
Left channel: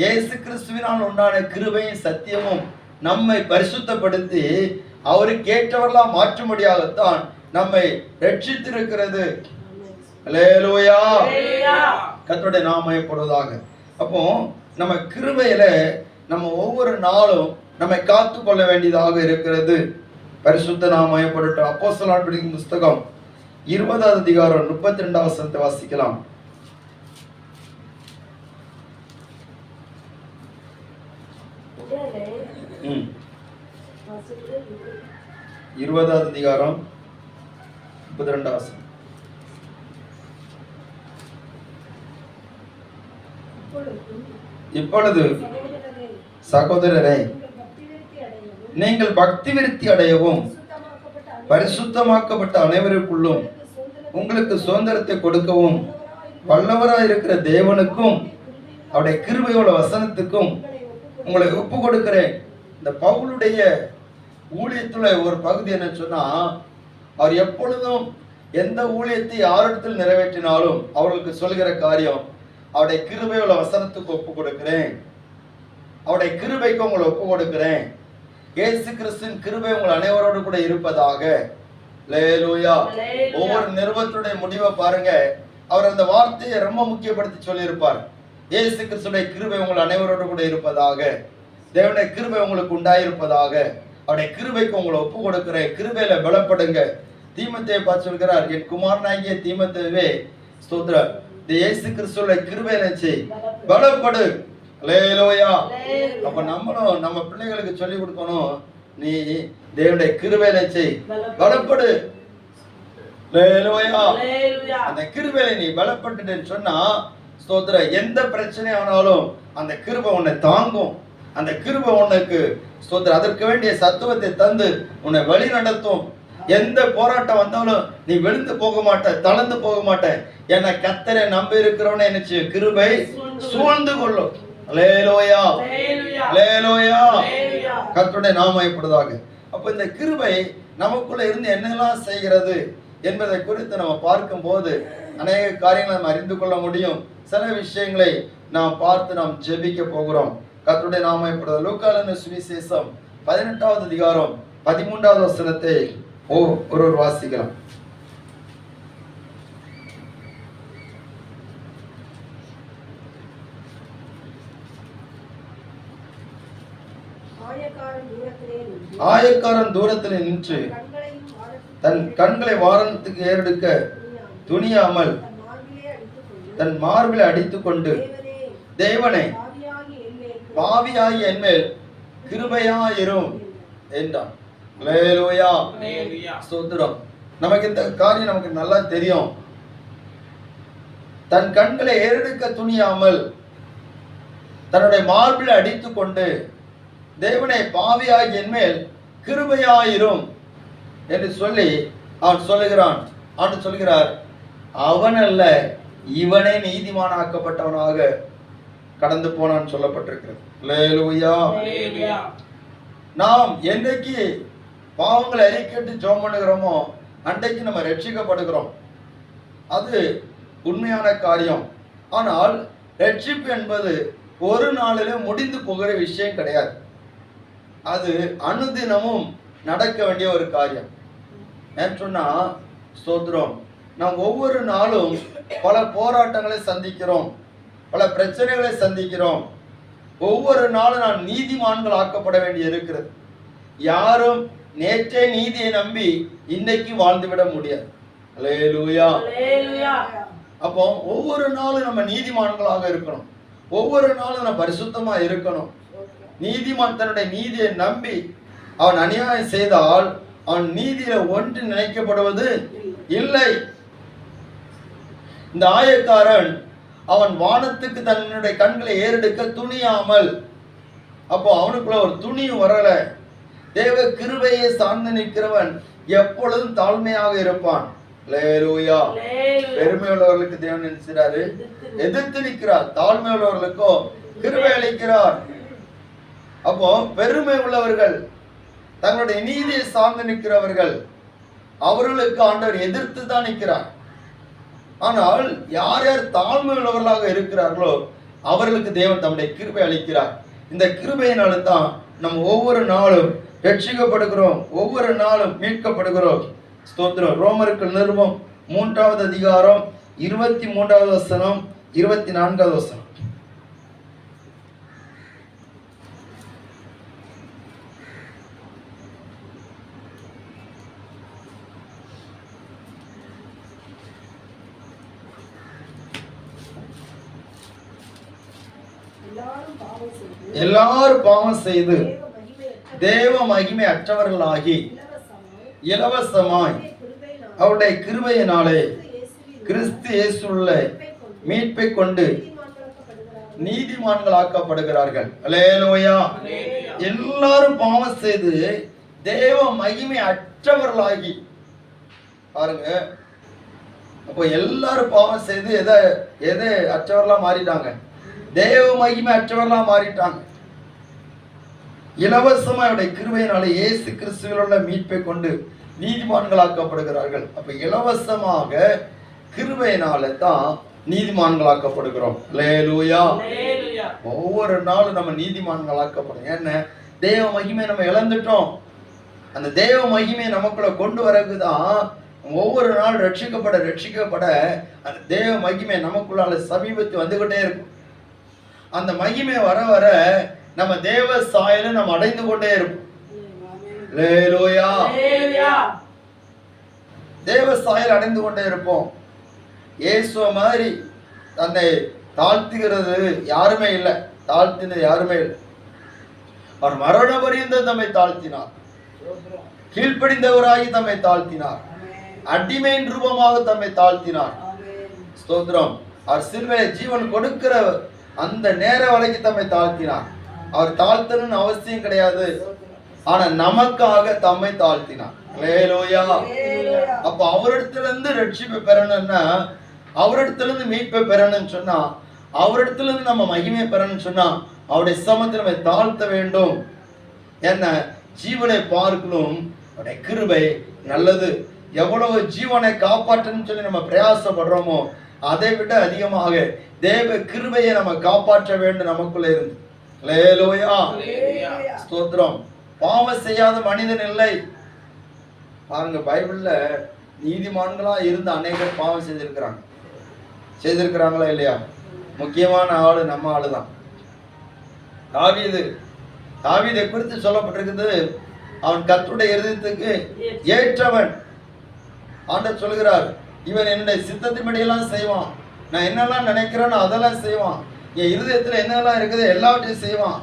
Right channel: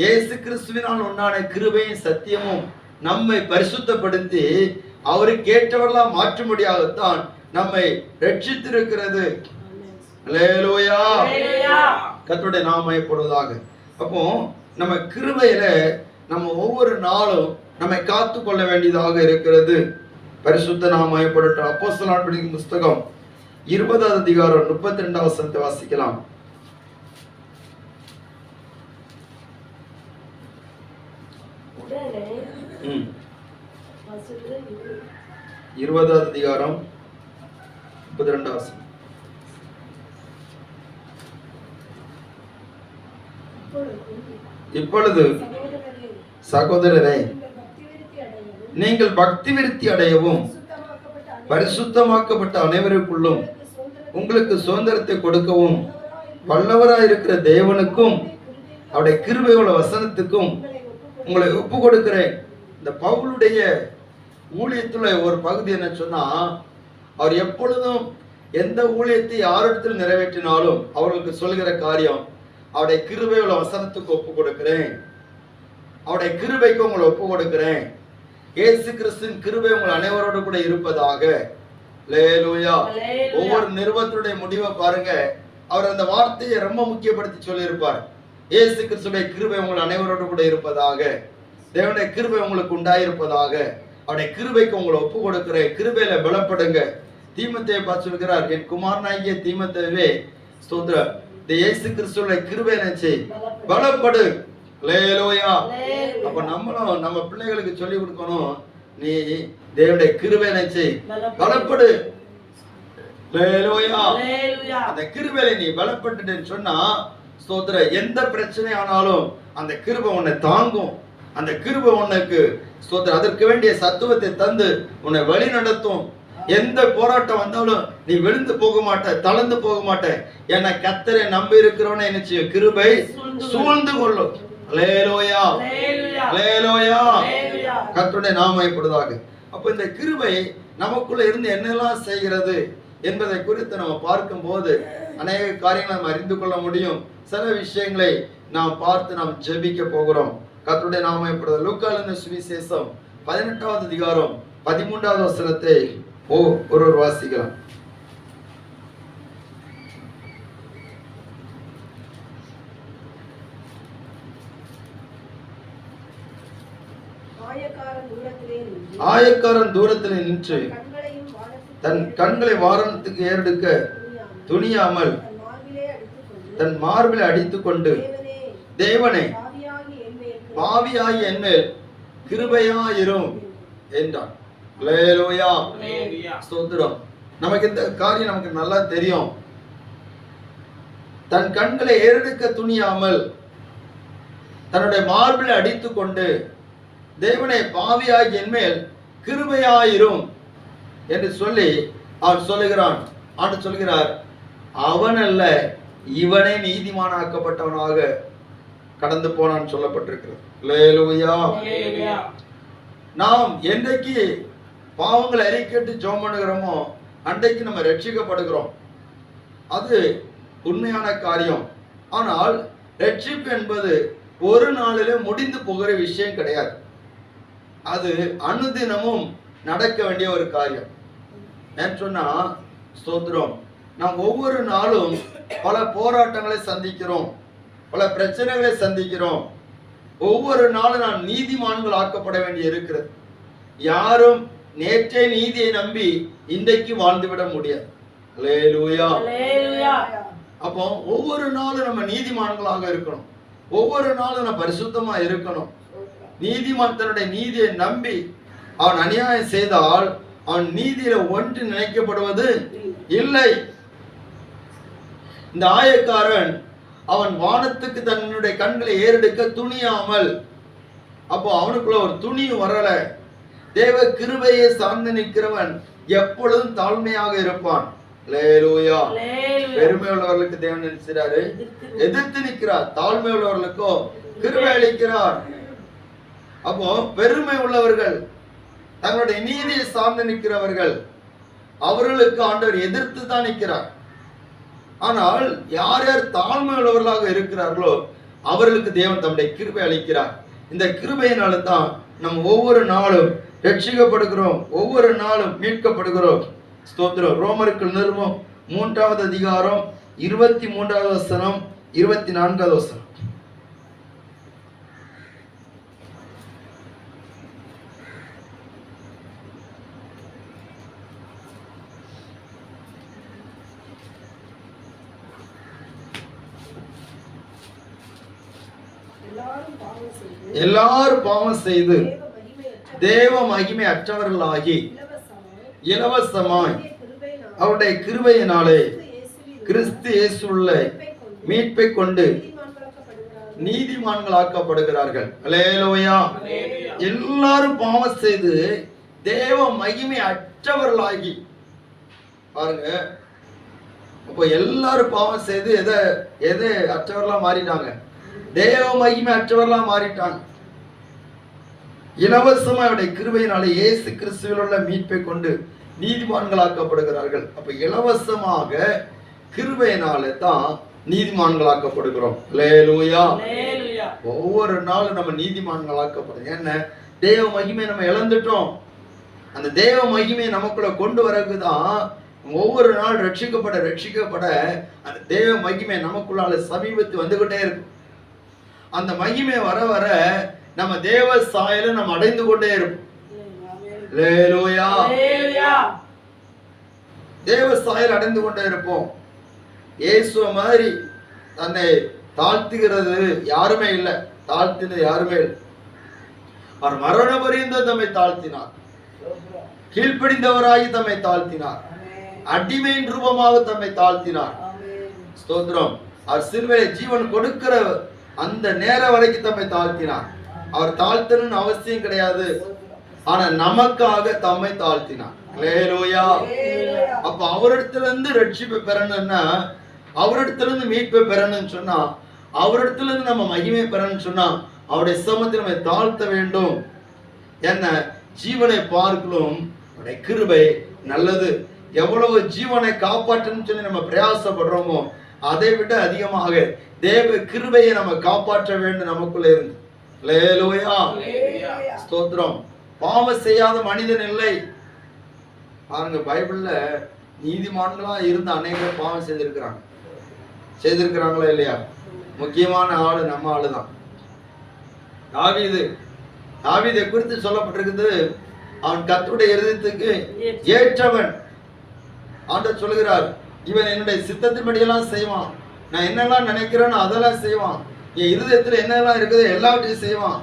இயேசு கிறிஸ்துவினால் உண்டான கிருபையும் சத்தியமும் நம்மை பரிசுத்தப்படுத்தி அவருக்கு ஏற்றவர்களாம் மாற்றும்படியாகத்தான் நம்மை ரட்சித்திருக்கிறது. அல்லேலூயா. கர்த்தருடைய நாமம் மகிமைப்படுவதாக. அப்போ நம்ம கிருபையில நம்ம ஒவ்வொரு நாளும் நம்மை காத்து கொள்ள வேண்டியதாக இருக்கிறது. பரிசுத்த நாமம் மகிமைப்படட்டும். அப்போஸ்தலர் புஸ்தகம் 20ஆம் அதிகாரம் 32ஆம் வசனத்தை வாசிக்கலாம். இருபதாவது அதிகாரம் 32ஆம் வசனம். இப்பொழுது சகோதரரை நீங்கள் பக்தி விருத்தி அடையவும் பரிசுத்தமாக்கப்பட்ட அனைவருக்குள்ளும் உங்களுக்கு சுதந்திரத்தை கொடுக்கவும் வல்லவராய் இருக்கிற தேவனுக்கும் அவருடைய கிருபையோட வசனத்துக்கும் உங்களை ஒப்பு கொடுக்கிறேன். இந்த பவுலுடைய ஊழியத்துல ஒரு பகுதி என்ன சொன்னா, அவர் எப்பொழுதும் எந்த ஊழியத்தை யாரிடத்தில் நிறைவேற்றினாலும் அவர்களுக்கு சொல்கிற காரியம், அவருடைய கிருபையோட வசனத்துக்கு ஒப்பு கொடுக்கிறேன், அவருடைய கிருபைக்கு உங்களை ஒப்பு கொடுக்கிறேன், இயேசு கிறிஸ்துவின் கிருபை உங்கள் அனைவரோடு கூட இருப்பதாக. அல்லேலூயா. ஒவ்வொரு நிறுவனத்துடைய முடிவை பாருங்க, அவர் அந்த வார்த்தையை ரொம்ப முக்கியப்படுத்தி சொல்லியிருப்பார். இயேசு கிறிஸ்துடைய கிருபை உங்கள் அனைவரோடு கூட இருப்பதாக, தேவனுடைய கிருபை உங்களுக்கு உண்டாயிருப்பதாக, அவருடைய கிருபைக்கு உங்களை ஒப்பு கொடுக்கிறேன், கிருபையில பலப்படுங்க. தீமோத்தேயை பார்த்து சொல்கிறார், என் குமாரனாகிய தீமோத்தேயுவே ஸ்தோத்திரம், இந்த இயேசு கிறிஸ்துடைய கிருபையை நினைச்சு பலப்படு. அல்லேலூயா. அப்ப நம்மளும் நம்ம பிள்ளைகளுக்கு சொல்லி கொடுக்கணும், நீ தேவனுடைய கிருபையை நினைச்சு பலப்படு. அல்லேலூயா. அந்த கிருபையில நீ பலப்பட்டுன்னு சொன்னா ஸ்தோத்திரம், எந்த பிரச்சனை ஆனாலும் அந்த கிருபை உன்னை தாங்கும். அந்த கிருபை உனக்கு ஸ்தோத்திரம், அதற்கு வேண்டிய சத்துவத்தை தந்து உன்னை வழி நடத்தும். எந்த போராட்டம் வந்தாலும் நீ விழுந்து போக மாட்ட, தளர்ந்து போக மாட்ட. ஏன்னா கர்த்தரை நம்பி இருக்கிறவனை என்ன செய்யும்? கிருபை சூழ்ந்து கொள்ளும். அல்லேலூயா, அல்லேலூயா. கர்த்தருடைய நாமம் மகிமைப்படுவதாக. அப்ப இந்த கிருபை நமக்குள்ள இருந்து என்னெல்லாம் செய்கிறது என்பதை குறித்து நம்ம பார்க்கும்போது அநேக காரியங்களை நம்ம அறிந்து கொள்ள முடியும். சில விஷயங்களை நாம் பார்த்து நாம் ஜெபிக்க போகிறோம். கர்த்தருடைய நாமம் மகிமைப்படுவதாக. லூக்கான சுவிசேஷம் 18வது அதிகாரம் 13வது வசனத்தை ஒரு வாசிக்கலாம். ஆயக்காரன் தூரத்திலே நின்று தன் கண்களை வாரணத்துக்கு ஏறெடுக்க துணியாமல் தன் மார்பிலை அடித்துக் கொண்டு, தேவனே, பாவியாகி என்மேல் கிருபையாயிரும் என்றான். அல்லேலூயா, ஸ்தோத்திரம். நமக்கு இந்த காரியம் நமக்கு நல்லா தெரியும். தன் கண்களை ஏறெடுக்க துணியாமல் தன்னுடைய மார்பிலை அடித்துக் கொண்டு, தேவனே, பாவியாகி என்மேல் கிருபையாயிரும் என்று சொல்லி அவன் சொல்லுகிறான். அவன் சொல்கிறார், அவன் அல்ல, இவனே நீதிமானாக்கப்பட்டவனாக கடந்து போனான் சொல்லப்பட்டிருக்கிறது. அல்லேலூயா. நாம் என்றைக்கு பாவங்களை அறிக்கையிட்டு ஜெபம் பண்ணுகிறோமோ அன்றைக்கு நம்ம ரட்சிக்கப்படுகிறோம். அது உண்மையான காரியம். ஆனால் ரட்சிப்பு என்பது ஒரு நாளிலே முடிந்து போகிற விஷயம் கிடையாது. அது அனுதினமும் நடக்க வேண்டிய ஒரு காரியம். ஏன்னு சொன்னா, ஸ்தோத்திரம், நாம் ஒவ்வொரு நாளும் பல போராட்டங்களை சந்திக்கிறோம், பல பிரச்சனைகளை சந்திக்கிறோம். ஒவ்வொரு நாளும் நாம் நீதிமான்கள் ஆக்கப்பட வேண்டி இருக்கிறது. யாரும் நேற்றே நீதியை நம்பி இன்றைக்கு வாழ்ந்துவிட முடியாது. அல்லேலூயா. அப்போ ஒவ்வொரு நாளும் நம்ம நீதிமான்களாக இருக்கணும். ஒவ்வொரு நாளும் நம்ம பரிசுத்தமா இருக்கணும். நீதிமான் தன்னுடைய நீதியை நம்பி அவன் அநியாயம் செய்தால் அவன் நீதியில ஒன்று நினைக்கப்படுவது இல்லை. இந்த ஆயக்காரன் அவன் வானத்துக்கு தன்னுடைய கண்களை ஏறெடுக்க துணியாமல், அப்போ அவனுக்குள்ள ஒரு துணியும் வரல. தேவ கிருபையை சார்ந்து நிற்கிறவன் எப்பொழுதும் தாழ்மையாக இருப்பான். அல்லேலூயா. பெருமை உள்ளவர்களுக்கு தேவன் நினைச்சாரு, எதிர்த்து நிற்கிறார். தாழ்மை உள்ளவர்களுக்கோ கிருபை அளிக்கிறார். அப்போ பெருமை உள்ளவர்கள், தங்களுடைய நீதியை சார்ந்து நிற்கிறவர்கள், அவர்களுக்கு ஆண்டவர் எதிர்த்து தான் நிற்கிறார். ஆனால் யார் யார் தாழ்மை உள்ளவர்களாக இருக்கிறார்களோ அவர்களுக்கு தேவன் தம்முடைய கிருபை அளிக்கிறார். இந்த கிருபையினால தான் நம்ம ஒவ்வொரு நாளும் ரட்சிக்கப்படுகிறோம், ஒவ்வொரு நாளும் மீட்கப்படுகிறோம். ஸ்தோத்திரம். ரோமருக்கு நிருபம் 3வது அதிகாரம் 23வது வசனம் 24வது வசனம். எல்லாரும் பாவம் செய்து தேவ மகிமை அற்றவர்களாகி இலவசமாய் அவருடைய கிருபையினாலே கிறிஸ்து இயேசுவுள்ள மீட்பை கொண்டு நீதிமான்களாக்கப்படுகிறார்கள். அல்லேலூயா. எல்லாரும் பாவம் செய்து தேவ மகிமை அற்றவர்களாகி, பாருங்க, அப்போ எல்லாரும் பாவம் செய்து எதை அற்றவர்களா மாறிட்டாங்க? தேவ மகிமை அற்றவர்களா மாறிட்டாங்க. இலவசமா அவருடைய கிருபையினாலே இயேசு கிறிஸ்துவில் உள்ள மீட்பை கொண்டு நீதிமான்களாக்கப்படுகிறார்கள். அப்ப இலவசமாக கிருபையினால தான் நீதிமான்களாக்கப்படுகிறோம். அல்லேலூயா. ஒவ்வொரு நாளும் நம்ம நீதிமான்களாக்கப்படும். என்ன? தேவ மகிமை நம்ம இழந்துட்டோம். அந்த தேவ மகிமையை நமக்குள்ள கொண்டு வரக்குதான் ஒவ்வொரு நாள் ரட்சிக்கப்பட அந்த தேவ மகிமை நமக்குள்ளால சமீபத்து வந்துகிட்டே இருக்கும். அந்த மகிமை வர வர நம்ம தேவ சாயலை நம்ம அடைந்து கொண்டே இருப்போம். அல்லேலூயா. தேவ சாயல் அடைந்து கொண்டே இருப்போம். இயேசு மாதிரி தன்னை தாழ்த்துகிறது யாருமே இல்லை, தாழ்த்தினது யாருமே இல்லை. அவர் மரண பரியந்தம் தம்மை தாழ்த்தினார், கீழ்ப்படிந்தவராகி தம்மை தாழ்த்தினார், அடிமையின் ரூபமாக தம்மை தாழ்த்தினார். ஸ்தோத்திரம். அவர் சிலுவையிலே ஜீவன் கொடுக்கிற அந்த நேரம் வரைக்கும் தம்மை தாழ்த்தினார். அவர் தாழ்த்தணும்னு அவசியம் கிடையாது. ஆனா நமக்காக தம்மை தாழ்த்தினார். அல்லேலூயா. அப்ப அவரிடத்துல இருந்து ரட்சிப்பை பெறணும்னா, அவரிடத்துல இருந்து மீட்பை பெறணும்னு சொன்னா, அவரிடத்துல இருந்து நம்ம மகிமை பெறணும்னு சொன்னா, அவருடைய சமத்தில் நம்ம தாழ்த்த வேண்டும். என்ன, ஜீவனை பார்க்கலும் அவருடைய கிருபை நல்லது. எவ்வளவு ஜீவனை காப்பாற்றணும்னு சொல்லி நம்ம பிரயாசப்படுறோமோ அதை விட அதிகமாக தேவ கிருபையை நம்ம காப்பாற்ற வேண்டும் நமக்குள்ள இருந்து. அல்லேலூயா. ஸ்தோத்திரம். பாவம் செய்யாத மனிதன் இல்லை. பாருங்க, பைபிள்ல நீதிமான்களா இருந்த அநேகர் பாவம் செய்திருக்கிறாங்களா இல்லையா? முக்கியமான ஆளு நம்ம ஆளுதான். தாவீதை குறித்து சொல்லப்பட்டிருக்குது, அவன் கர்த்தருடைய இருதயத்துக்கு ஏற்றவன். ஆண்டவர் சொல்கிறார், இவன் என்னுடைய சித்தத்தின்படியெல்லாம் செய்வான், நான் என்னெல்லாம் நினைக்கிறேன்னு அதெல்லாம் செய்வான், என் இருதயத்துல என்னெல்லாம் இருக்குது எல்லாவற்றையும் செய்வான்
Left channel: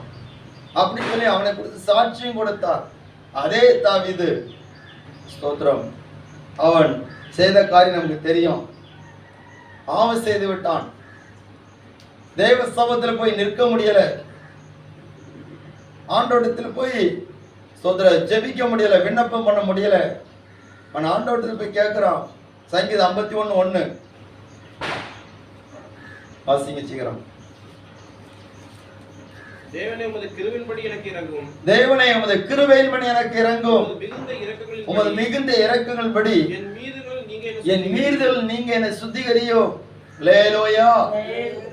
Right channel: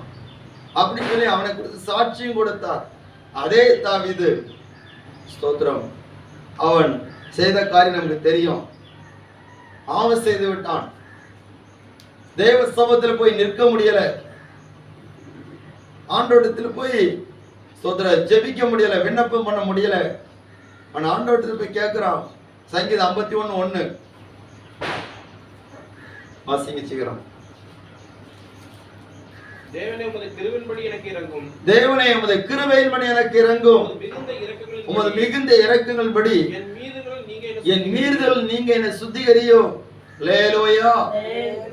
அப்படின்னு சொல்லி அவனை குறித்து சாட்சியும் கொடுத்தார். அதே தாவீது, ஸ்தோத்திரம், அவன் செய்த காரியம் நமக்கு தெரியும். பாவம் செய்து விட்டான். தேவ சமூகத்தில் போய் நிற்க முடியல, ஆண்டவரிடத்தில் போய் ஸ்தோத்திரம் ஜெபிக்க முடியல, விண்ணப்பம் பண்ண முடியல. அவன் ஆண்டவரிடத்தில் போய் கேட்கிறான். சங்கீதம் 51:1 வாசிங்க சீக்கிரம். தேவனே, உமது கிருபையின்படி எனக்கு இறங்கும். தேவனே, உமது கிருபையின்படி எனக்கு இறங்கும். உமது மிகுந்த இரக்கங்களின்படி என் மீறுதல் நீங்க என்னை சுத்திகரியும். அல்லேலூயா.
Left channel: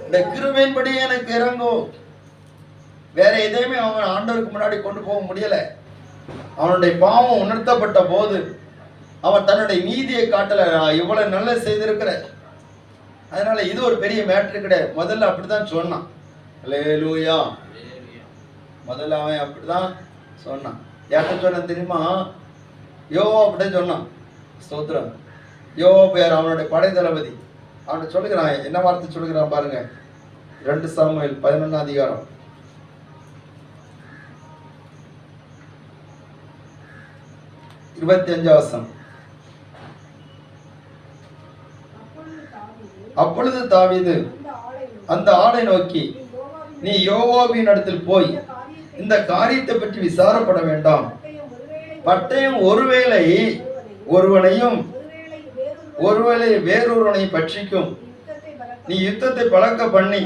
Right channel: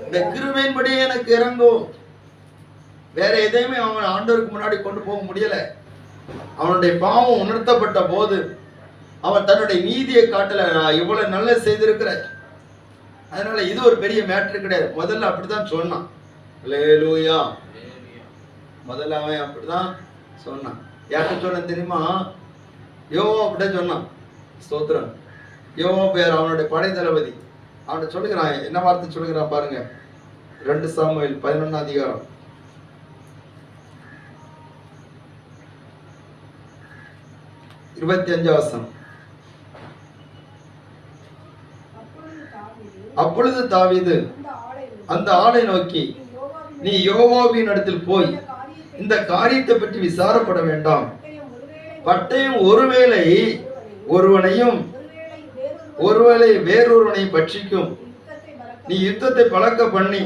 இந்த கிருபையின்படி எனக்கு இறங்கும். வேற எதையுமே அவன் ஆண்டவருக்கு முன்னாடி கொண்டு போக முடியல. அவனுடைய பாவம் உணர்த்தப்பட்ட போது அவன் தன்னுடைய நீதியை காட்டல, இவ்வளவு நல்ல செய்திருக்கிற. அதனால இது ஒரு பெரிய மேட்ரு கிடையாது. முதல்ல அப்படித்தான் சொன்னான். அல்லேலூயா. முதல்ல அவன் அப்படிதான் சொன்னான். யார்கிட்ட சொன்ன தெரியுமா? யோவா அப்படிதான் சொன்னான். ஸ்தோத்திரம். யோவா பேர் அவனுடைய படை தளபதி. அவன் சொல்லுகிறான், என்ன வார்த்தை சொல்லுகிறான் பாருங்க. 2 சாமுவேல் 11 அதிகாரம் 25 வசனம். அப்பொழுது தாவீது அந்த ஆளை நோக்கி, நீ யோவாபின் இடத்தில் போய் இந்த காரியத்தை பற்றி விசாரப்பட வேண்டாம். பட்டயம் ஒருவேளை ஒருவனையும் ஒருவேளை வேறொருவனை பட்சிக்கும். நீ யுத்தத்தை பழக்க பண்ணி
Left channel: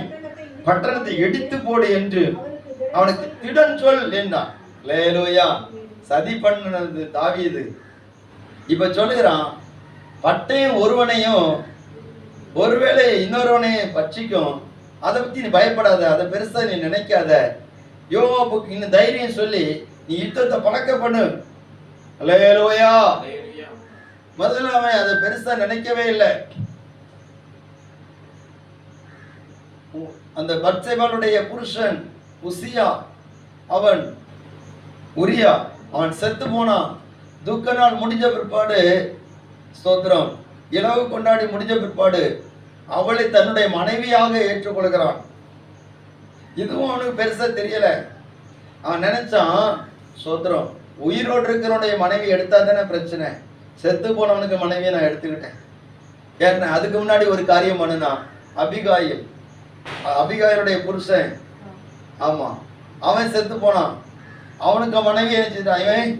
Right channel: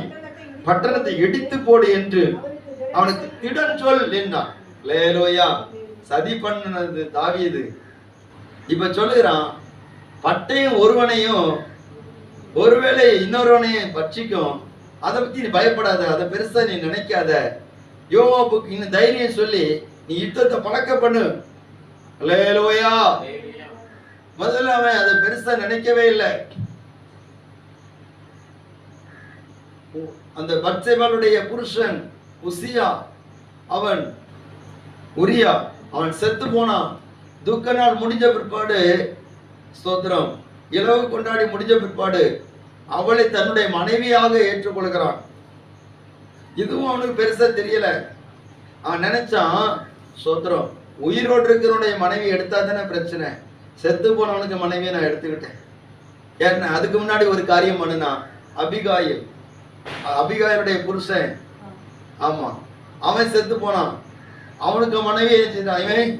பட்டணத்தை இடித்து போடு என்று அவனுக்கு திடன் சொல் என்றான். அல்லேலூயா. சதி பண்ணது தாவீது. இப்ப சொல்லுகிறான், பட்டயம் ஒருவனையும் ஒருவேளை இன்னொருவனையும் பட்சிக்கும். அதை பத்தி நீ பயப்படாத, அதை பெருசா நீ நினைக்காத. யோவாபுக்கு இன்னும் தைரியம் சொல்லி நீ யுத்தத்தை பழக்க பண்ணு. அல்லேலூயா. முதல்ல அவன் அதை பெருசா நினைக்கவே இல்லை. அந்த பத்சேபாளுடைய புருஷன் உசியா, அவன் உரியா, அவன் செத்து போனான். துக்க நாள் முடிஞ்ச பிற்பாடு, ஸ்தோத்திரம், இலவு கொண்டாடி முடிஞ்ச பிற்பாடு அவளை தன்னுடைய மனைவியாக ஏற்றுக்கொள்கிறான். இதுவும் அவனுக்கு பெருசா தெரியல. அவன் நினைச்சான், ஸ்தோத்திரம், உயிரோடு இருக்கிறவனுடைய மனைவி எடுத்தா தானே பிரச்சனை, செத்து போனவனுக்கு மனைவியை நான் எடுத்துக்கிட்டேன். ஏன்னா அதுக்கு முன்னாடி ஒரு காரியம் பண்ணுனா, அபிகாயிலுடைய புருஷன், ஆமா, அவன் செத்து போனான். அவனுக்கு மனைவி இவன்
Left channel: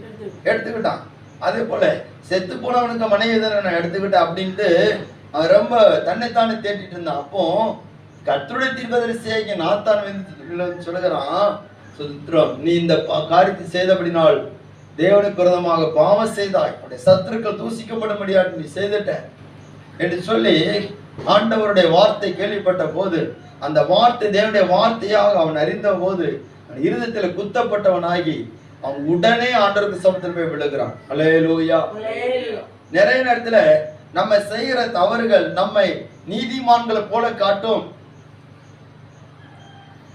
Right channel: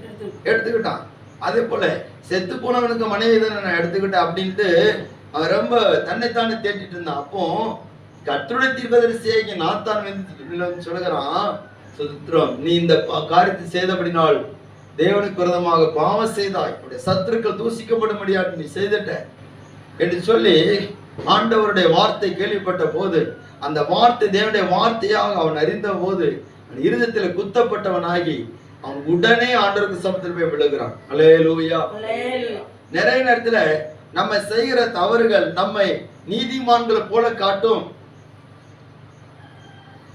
எடுத்துக்கிட்டான். அதே போல செத்து போனவனுக்கு மனைவி தானே நான் எடுத்துக்கிட்டேன் அப்படின்ட்டு அவன் ரொம்ப தன்னைத்தானே தேட்டிட்டு இருந்தான். அப்போ கர்த்தருடைய தீர்க்கதரிசியாகிய நாத்தான் வந்து சொல்லுகிறான், சுத்திரம், நீ இந்த காரியத்தை செய்தபடினால் தேவனுக்கு விரோதமாக பாவம் செய்தாய், சத்துருக்கள் தூசிக்கப்படும்படியாக நீ செய்துட்ட என்று சொல்லி ஆண்டவருடைய வார்த்தை கேள்விப்பட்ட போது, அந்த வார்த்தை தேவனுடைய வார்த்தையாக அவன் அறிந்த போது அவன் இருதயத்தில் குத்தப்பட்டவனாகி அவன் உடனே ஆண்டவருக்கு சமத்தில் போய் விழுகிறான். அல்லேலூயா. நிறைய நேரத்துல நம்ம செய்கிற தவறுகள் நம்மை நீதிமான்களை போல காட்டும்.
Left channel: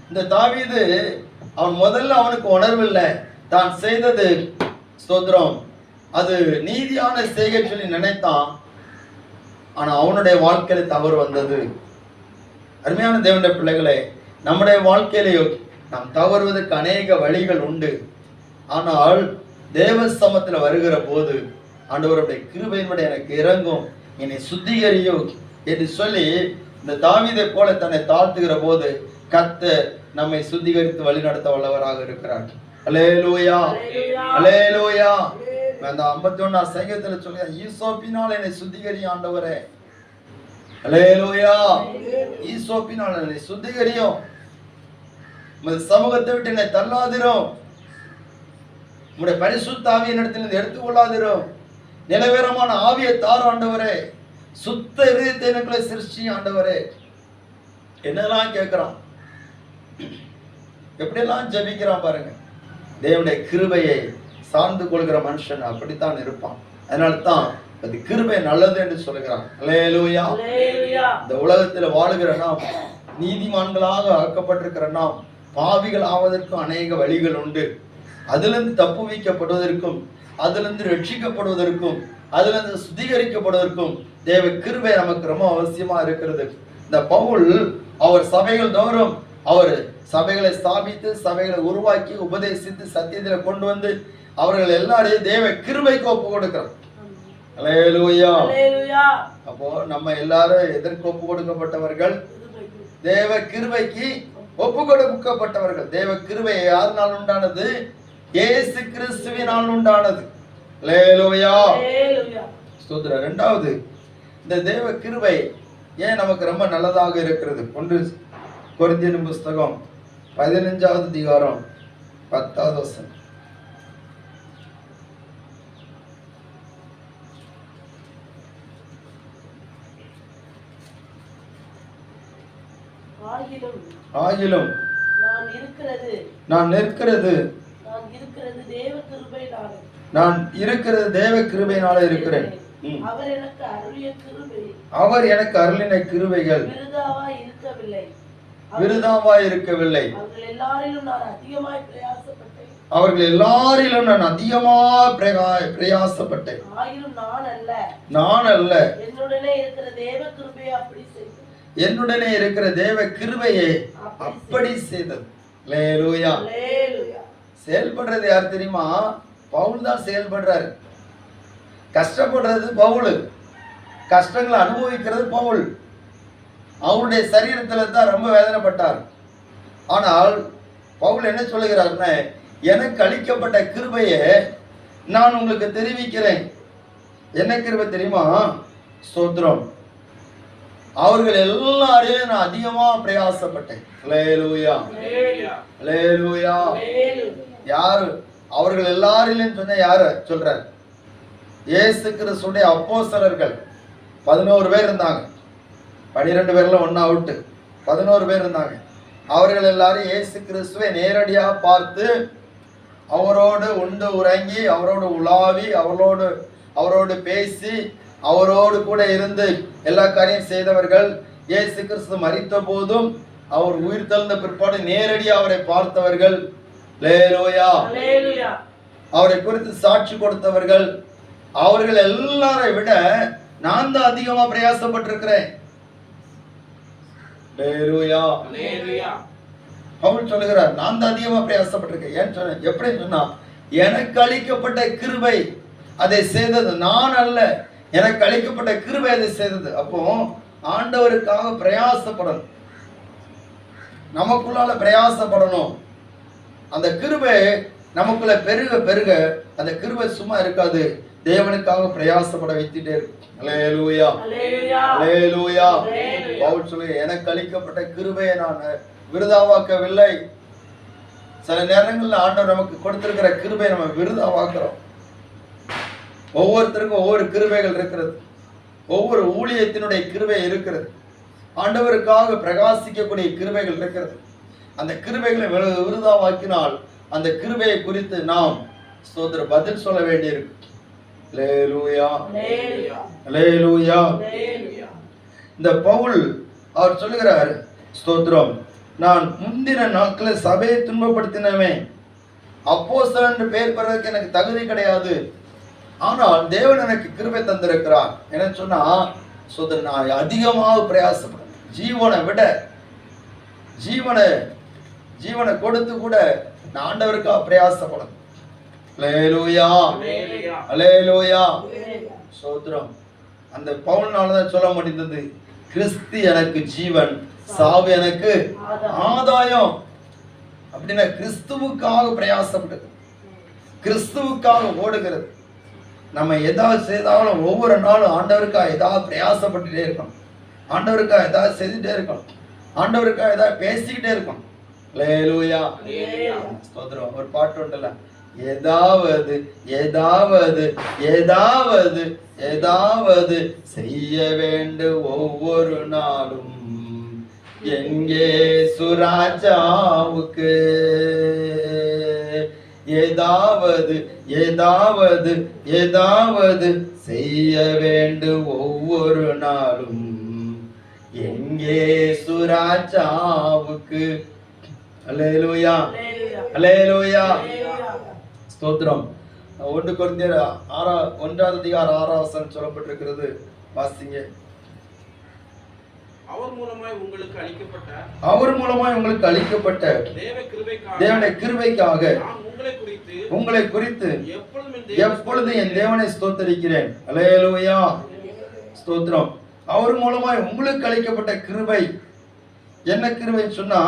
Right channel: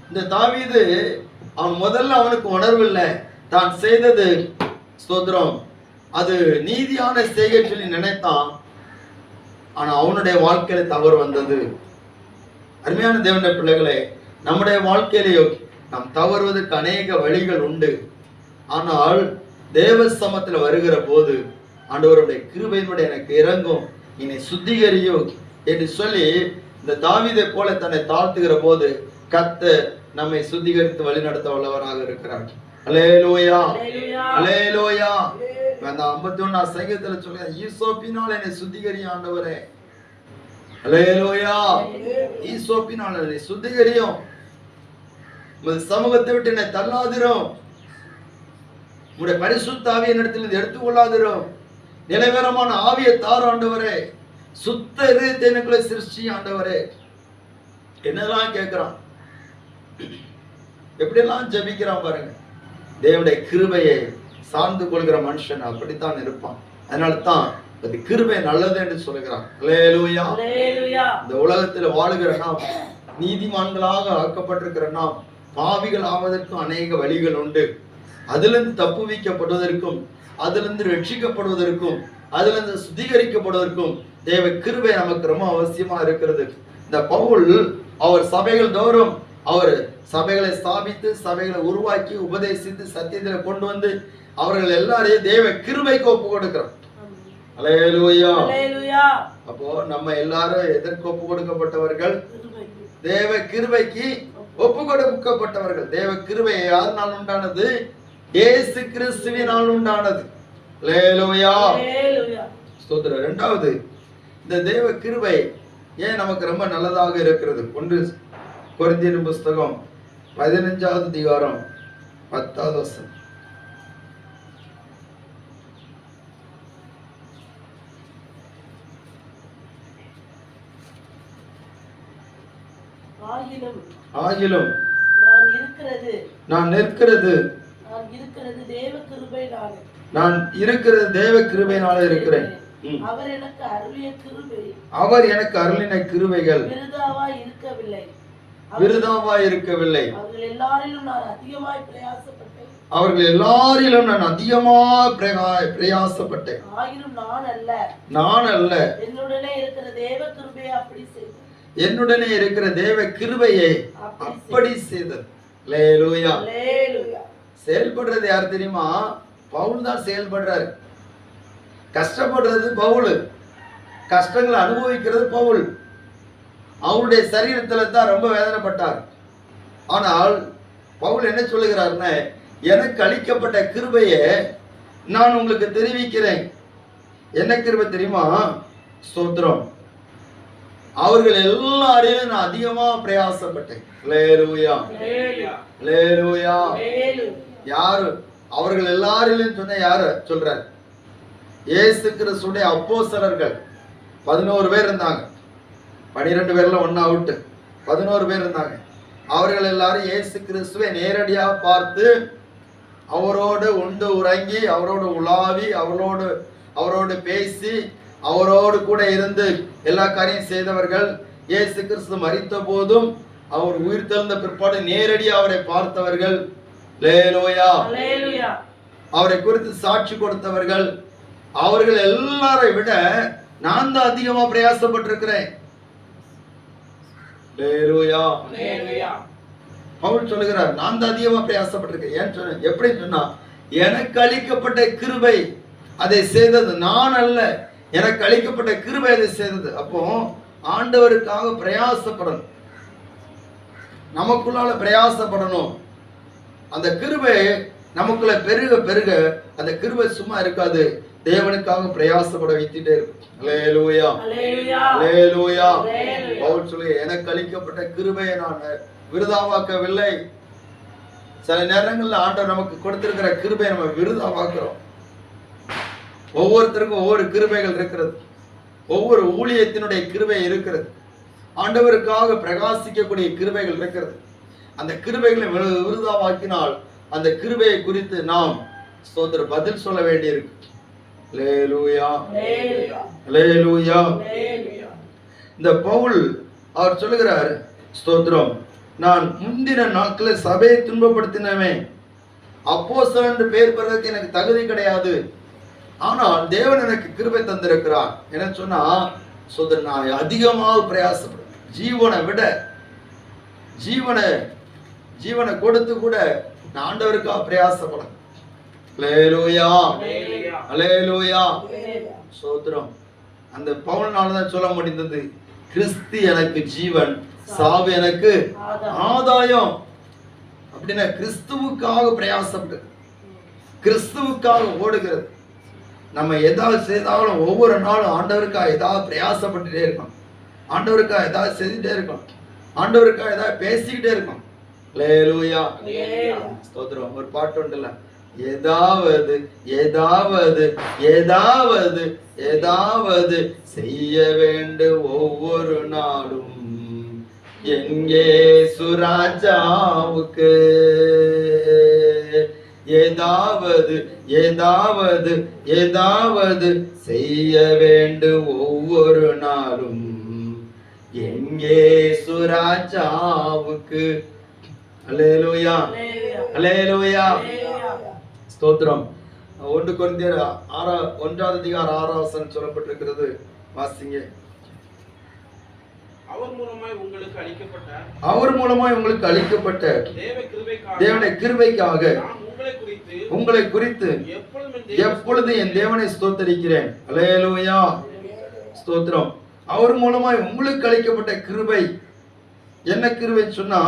இந்த தாவீது அவன் முதல்ல அவனுக்கு உணர்வில்லை, தான் செய்தது, ஸ்தோத்திரம், அது நீதியான செய்கை சொல்லி நினைத்தான். ஆனா அவனுடைய வாழ்க்கையில தவறு வந்தது. அருமையான தேவனுடைய பிள்ளைகளே, நம்முடைய வாழ்க்கையிலேயோ நாம் தவறுவதற்கு அநேக வழிகள் உண்டு. ஆனால் தேவ சமத்துல வருகிற போது ஆண்டவருடைய கிருபையின்படி எனக்கு இறங்கும், என்னை சுத்திகரியோ என்று சொல்லி இந்த தாவீதை போல தன்னை தாழ்த்துகிற போது கர்த்தர் நம்மை சுத்திகரித்து வழிநடத்த வல்லவராக இருக்கிறார். அல்லேலூயா, அல்லேலூயா. அந்த 51 சங்கீதத்துல சொல்லுங்க, ஈசோப்பினால் என்னை சுத்திகரி ஆண்டவரே. அல்லேலூயா. ஈசோப்பினால் என்னை சுத்திகரியும், உமது சமூகத்தை விட்டு என்னை தள்ளாதிரும், உம்முடைய பரிசுத்த ஆவியை என்னிடத்தில் எடுத்துக்கொள்ளாதிரும், நிலைவரமான ஆவியை தார் ஆண்டவரே, சுத்த இதயத்தை எனக்குள்ள சிருஷ்டி ஆண்டவரே. என்னெல்லாம் கேட்கிறான், எப்படியெல்லாம் ஜெபிக்கிறான் பாருங்க. தேவனுடைய கிருபையை சார்ந்து கொள்கிற மனுஷன் அப்படித்தான் இருப்பான். அதனால தான் அது கிருபை நல்லது என்று சொல்லுகிறான். அல்லேலூயா. இந்த உலகத்தில் வாழுகிற நாம், நீதிமான்களாக ஆக்கப்பட்டிருக்கிற நாம், பாவிகள் ஆவதற்கும் அநேக வழிகள் உண்டு. அதிலிருந்து தப்புவிக்கப்படுவதற்கும், அதிலிருந்து ரட்சிக்கப்படுவதற்கும், அதிலிருந்து சுத்திகரிக்கப்படுவதற்கும் தேவ கிருபை நமக்கு ரொம்ப அவசியமா இருக்கிறது. இந்த பவுல் அவர் சபைகள் தோறும் அவர் சபைகளை ஸ்தாபித்து, சபைகளை உருவாக்கி, உபதேசித்து, சத்தியத்தில் கொண்டு வந்து அவர்கள் எல்லாரையும் தேவ கிருபைக்கு ஒப்பு கொடுக்கிறார். அல்லேலூயா. அப்போ நம்ம எல்லாரும் எதற்கு ஒப்பு கொடுக்கப்பட்டவர்கள்? தேவ கிருபைக்கு ஒப்பு கொடுக்கப்பட்டவர்கள். தேவ கிருபை யாருனால் உண்டானது? இயேசு கிறிஸ்துவினால் உண்டானது. அல்லேலூயா. ஸ்தோத்திரம். இரண்டாவது, இந்த தேவ கிருபை ஏன் நமக்கு ரொம்ப நல்லதாக இருக்கிறது? 1 கொரிந்தியர் புஸ்தகம் 15வது அதிகாரம் 10வது வசனம். ஆகிலும் நான் இருக்கிறது தேவ கிருபையினாலே இருக்கிறேன். அவர் எனக்கு அருளின கிருபைகள் விருதாவாய் இருக்கவில்லை. அவர்கள் எல்லாரிலும் நான் அதிகமாக பிரயாசப்பட்டேன். நான் அல்ல, என்னுடனே இருக்கிற தேவ கிருபையை அப்படி செய்தது. அல்லேலூயா. செயல்படுறது யார் தெரியுமா? பவுல் தான் செயல்படுறாரு. கஷ்டப்படுறது பவுல், கஷ்டங்களை அனுபவிக்கிறது பவுல். அவருடைய சரீரத்துல தான் ரொம்ப வேதனைப்பட்டார். ஆனால் பவுல் என்ன சொல்லுகிறார்னா, எனக்கு அளிக்கப்பட்ட கிருபையை நான் உங்களுக்கு தெரிவிக்கிறேன். என்ன கிருபை தெரியுமா? ஸ்தோத்திரம். அவர்கள் எல்லாரையும் நான் அதிகமா பிரயாசப்பட்டேன். அல்லேலூயா, அல்லேலூயா. யாரு அவர்கள் எல்லாரிலும் சொன்ன? யாரு சொல்றார்? இயேசு கிறிஸ்துடைய அப்போஸ்தலர்கள் 11 பேர் இருந்தாங்க. 12 பேர்ல ஒன்னா விட்டு 11 பேர் இருந்தாங்க. அவர்கள் எல்லாரும் இயேசு கிறிஸ்துவை நேரடியாக பார்த்து, அவரோடு உண்டு உறங்கி, அவரோடு உலாவி, அவரோடு பேசி, அவரோடு கூட இருந்து எல்லா காரியம் செய்தவர்கள். இயேசு கிறிஸ்து மரித்த போதும் அவர் உயிர் தெழுந்த பிற்பாடு நேரடியாக அவரை பார்த்தவர்கள். அல்லேலூயா. அவரை குறித்து சாட்சி கொடுத்தவர்கள். அவர்கள் எல்லாரை விட நான் தான் அதிகமா பிரயாசப்பட்டிருக்கிறேன். அல்லேலூயா. பவுல் சொல்லுகிறார், நான் தான் அதிகமா பிரயாசப்பட்டிருக்கேன். ஏன் சொன்ன? எப்படி சொன்னா, எனக்கு அளிக்கப்பட்ட கிருபை அதை செய்தது, நான் அல்ல, எனக்கு அளிக்கப்பட்ட கிருபை அதை செய்தது. அப்போ ஆண்டவருக்காக பிரயாசப்படணும், நமக்குள்ளால பிரயாசப்படணும். அந்த கிருபை நமக்குள்ள பெருக பெருக அந்த கிருபை சும்மா இருக்காது, தேவனுக்காக பிரயாசப்பட வைத்துட்டே இருக்கும். அல்லேலூயா, அல்லேலூயா. பவுல் சொல்லு, எனக்கு அளிக்கப்பட்ட கிருபையை நான் விருதாவாக்கவில்லை. சில நேரங்களில் ஆண்டவர் நமக்கு கொடுத்திருக்கிற கிருபையை நம்ம விருதாவாக்குறோம். ஒவ்வொருத்தருக்கும் ஒவ்வொரு கிருபைகள் இருக்கிறது, ஒவ்வொரு ஊழியத்தினுடைய கிருபை இருக்கிறது, ஆண்டவருக்காக பிரகாசிக்கக்கூடிய கிருபைகள் இருக்கிறது. அந்த கிருபைகளை விருதாவாக்கினால் அந்த கிருபையை குறித்து நாம் ஸ்தோத்திர பதில் சொல்ல வேண்டியிருக்கு. அல்லேலூயா, அல்லேலூயா. இந்த பவுல் அவர் சொல்லுகிறார், ஸ்தோத்திரம், நான் முந்தின நாட்களில் சபையை துன்பப்படுத்தினவன், அப்போஸ்தலன் என்று பெயர் பெறுவதற்கு எனக்கு தகுதி கிடையாது, ஆனால் தேவன் எனக்கு கிருபை தந்திருக்கிறார். என்ன சொன்னா, ஸ்தோத்திரம், நான் அதிகமாக பிரயாசப்படுறேன். ஜீவனை விட ஜீவனை கொடுத்து கூட நான் ஆண்டவருக்காக பிரயாசப்படும். அல்லேலூயா, அல்லேலூயா. ஸ்தோத்திரம். அந்த பவுல்னால தான் சொல்ல முடிந்தது, கிறிஸ்து எனக்கு ஜீவன், சாவு எனக்கு ஆதாயம். அப்படின்னா கிறிஸ்துவுக்காக பிரயாசப்பட்டது, கிறிஸ்துவுக்காக ஓடுகிறது. நம்ம ஏதாவது செய்தாலும் ஒவ்வொரு நாளும் ஆண்டவருக்காக ஏதாவது பிரயாசப்பட்டுட்டே இருக்கணும், ஆண்டவருக்காக ஏதாவது செஞ்சுட்டே இருக்கணும், ஆண்டவருக்காக ஏதாவது பேசிக்கிட்டே இருக்கணும். அல்லேலூயா. ஸ்தோத்திரம். ஒரு பாட்டு உண்டுல்ல, ஏதாவது ஏதாவது ஏதாவது ஏதாவது செய்ய வேண்டும் ஒவ்வொரு நாளும் எங்கே சுராஜாவுக்கு, ஏதாவது ஏதாவது ஏதாவது செய்ய வேண்டும் ஒவ்வொரு நாளும் எங்கே சுராஜாவுக்கு. அல்லேலூயா, அல்லேலூயா. ஸ்தோத்திரம். 1 கொரிந்தியர் 1ஆம் அதிகாரம் 6ஆம் வசனம் சொல்லப்பட்டிருக்கிறது. வாசிங்க. அவர் மூலமாய் உங்களுக்கு அளிக்கப்பட்ட தேவனுடைய கிருபைக்காக உங்களை குறித்து எப்பொழுதும் என் தேவனை ஸ்தோத்தரிக்கிறேன். அல்லேலூயா. ஸ்தோத்திரம். அவர் மூலமாய் உங்களுக்கு அளிக்கப்பட்ட கிருபை. என்ன கிருபை சொன்னா,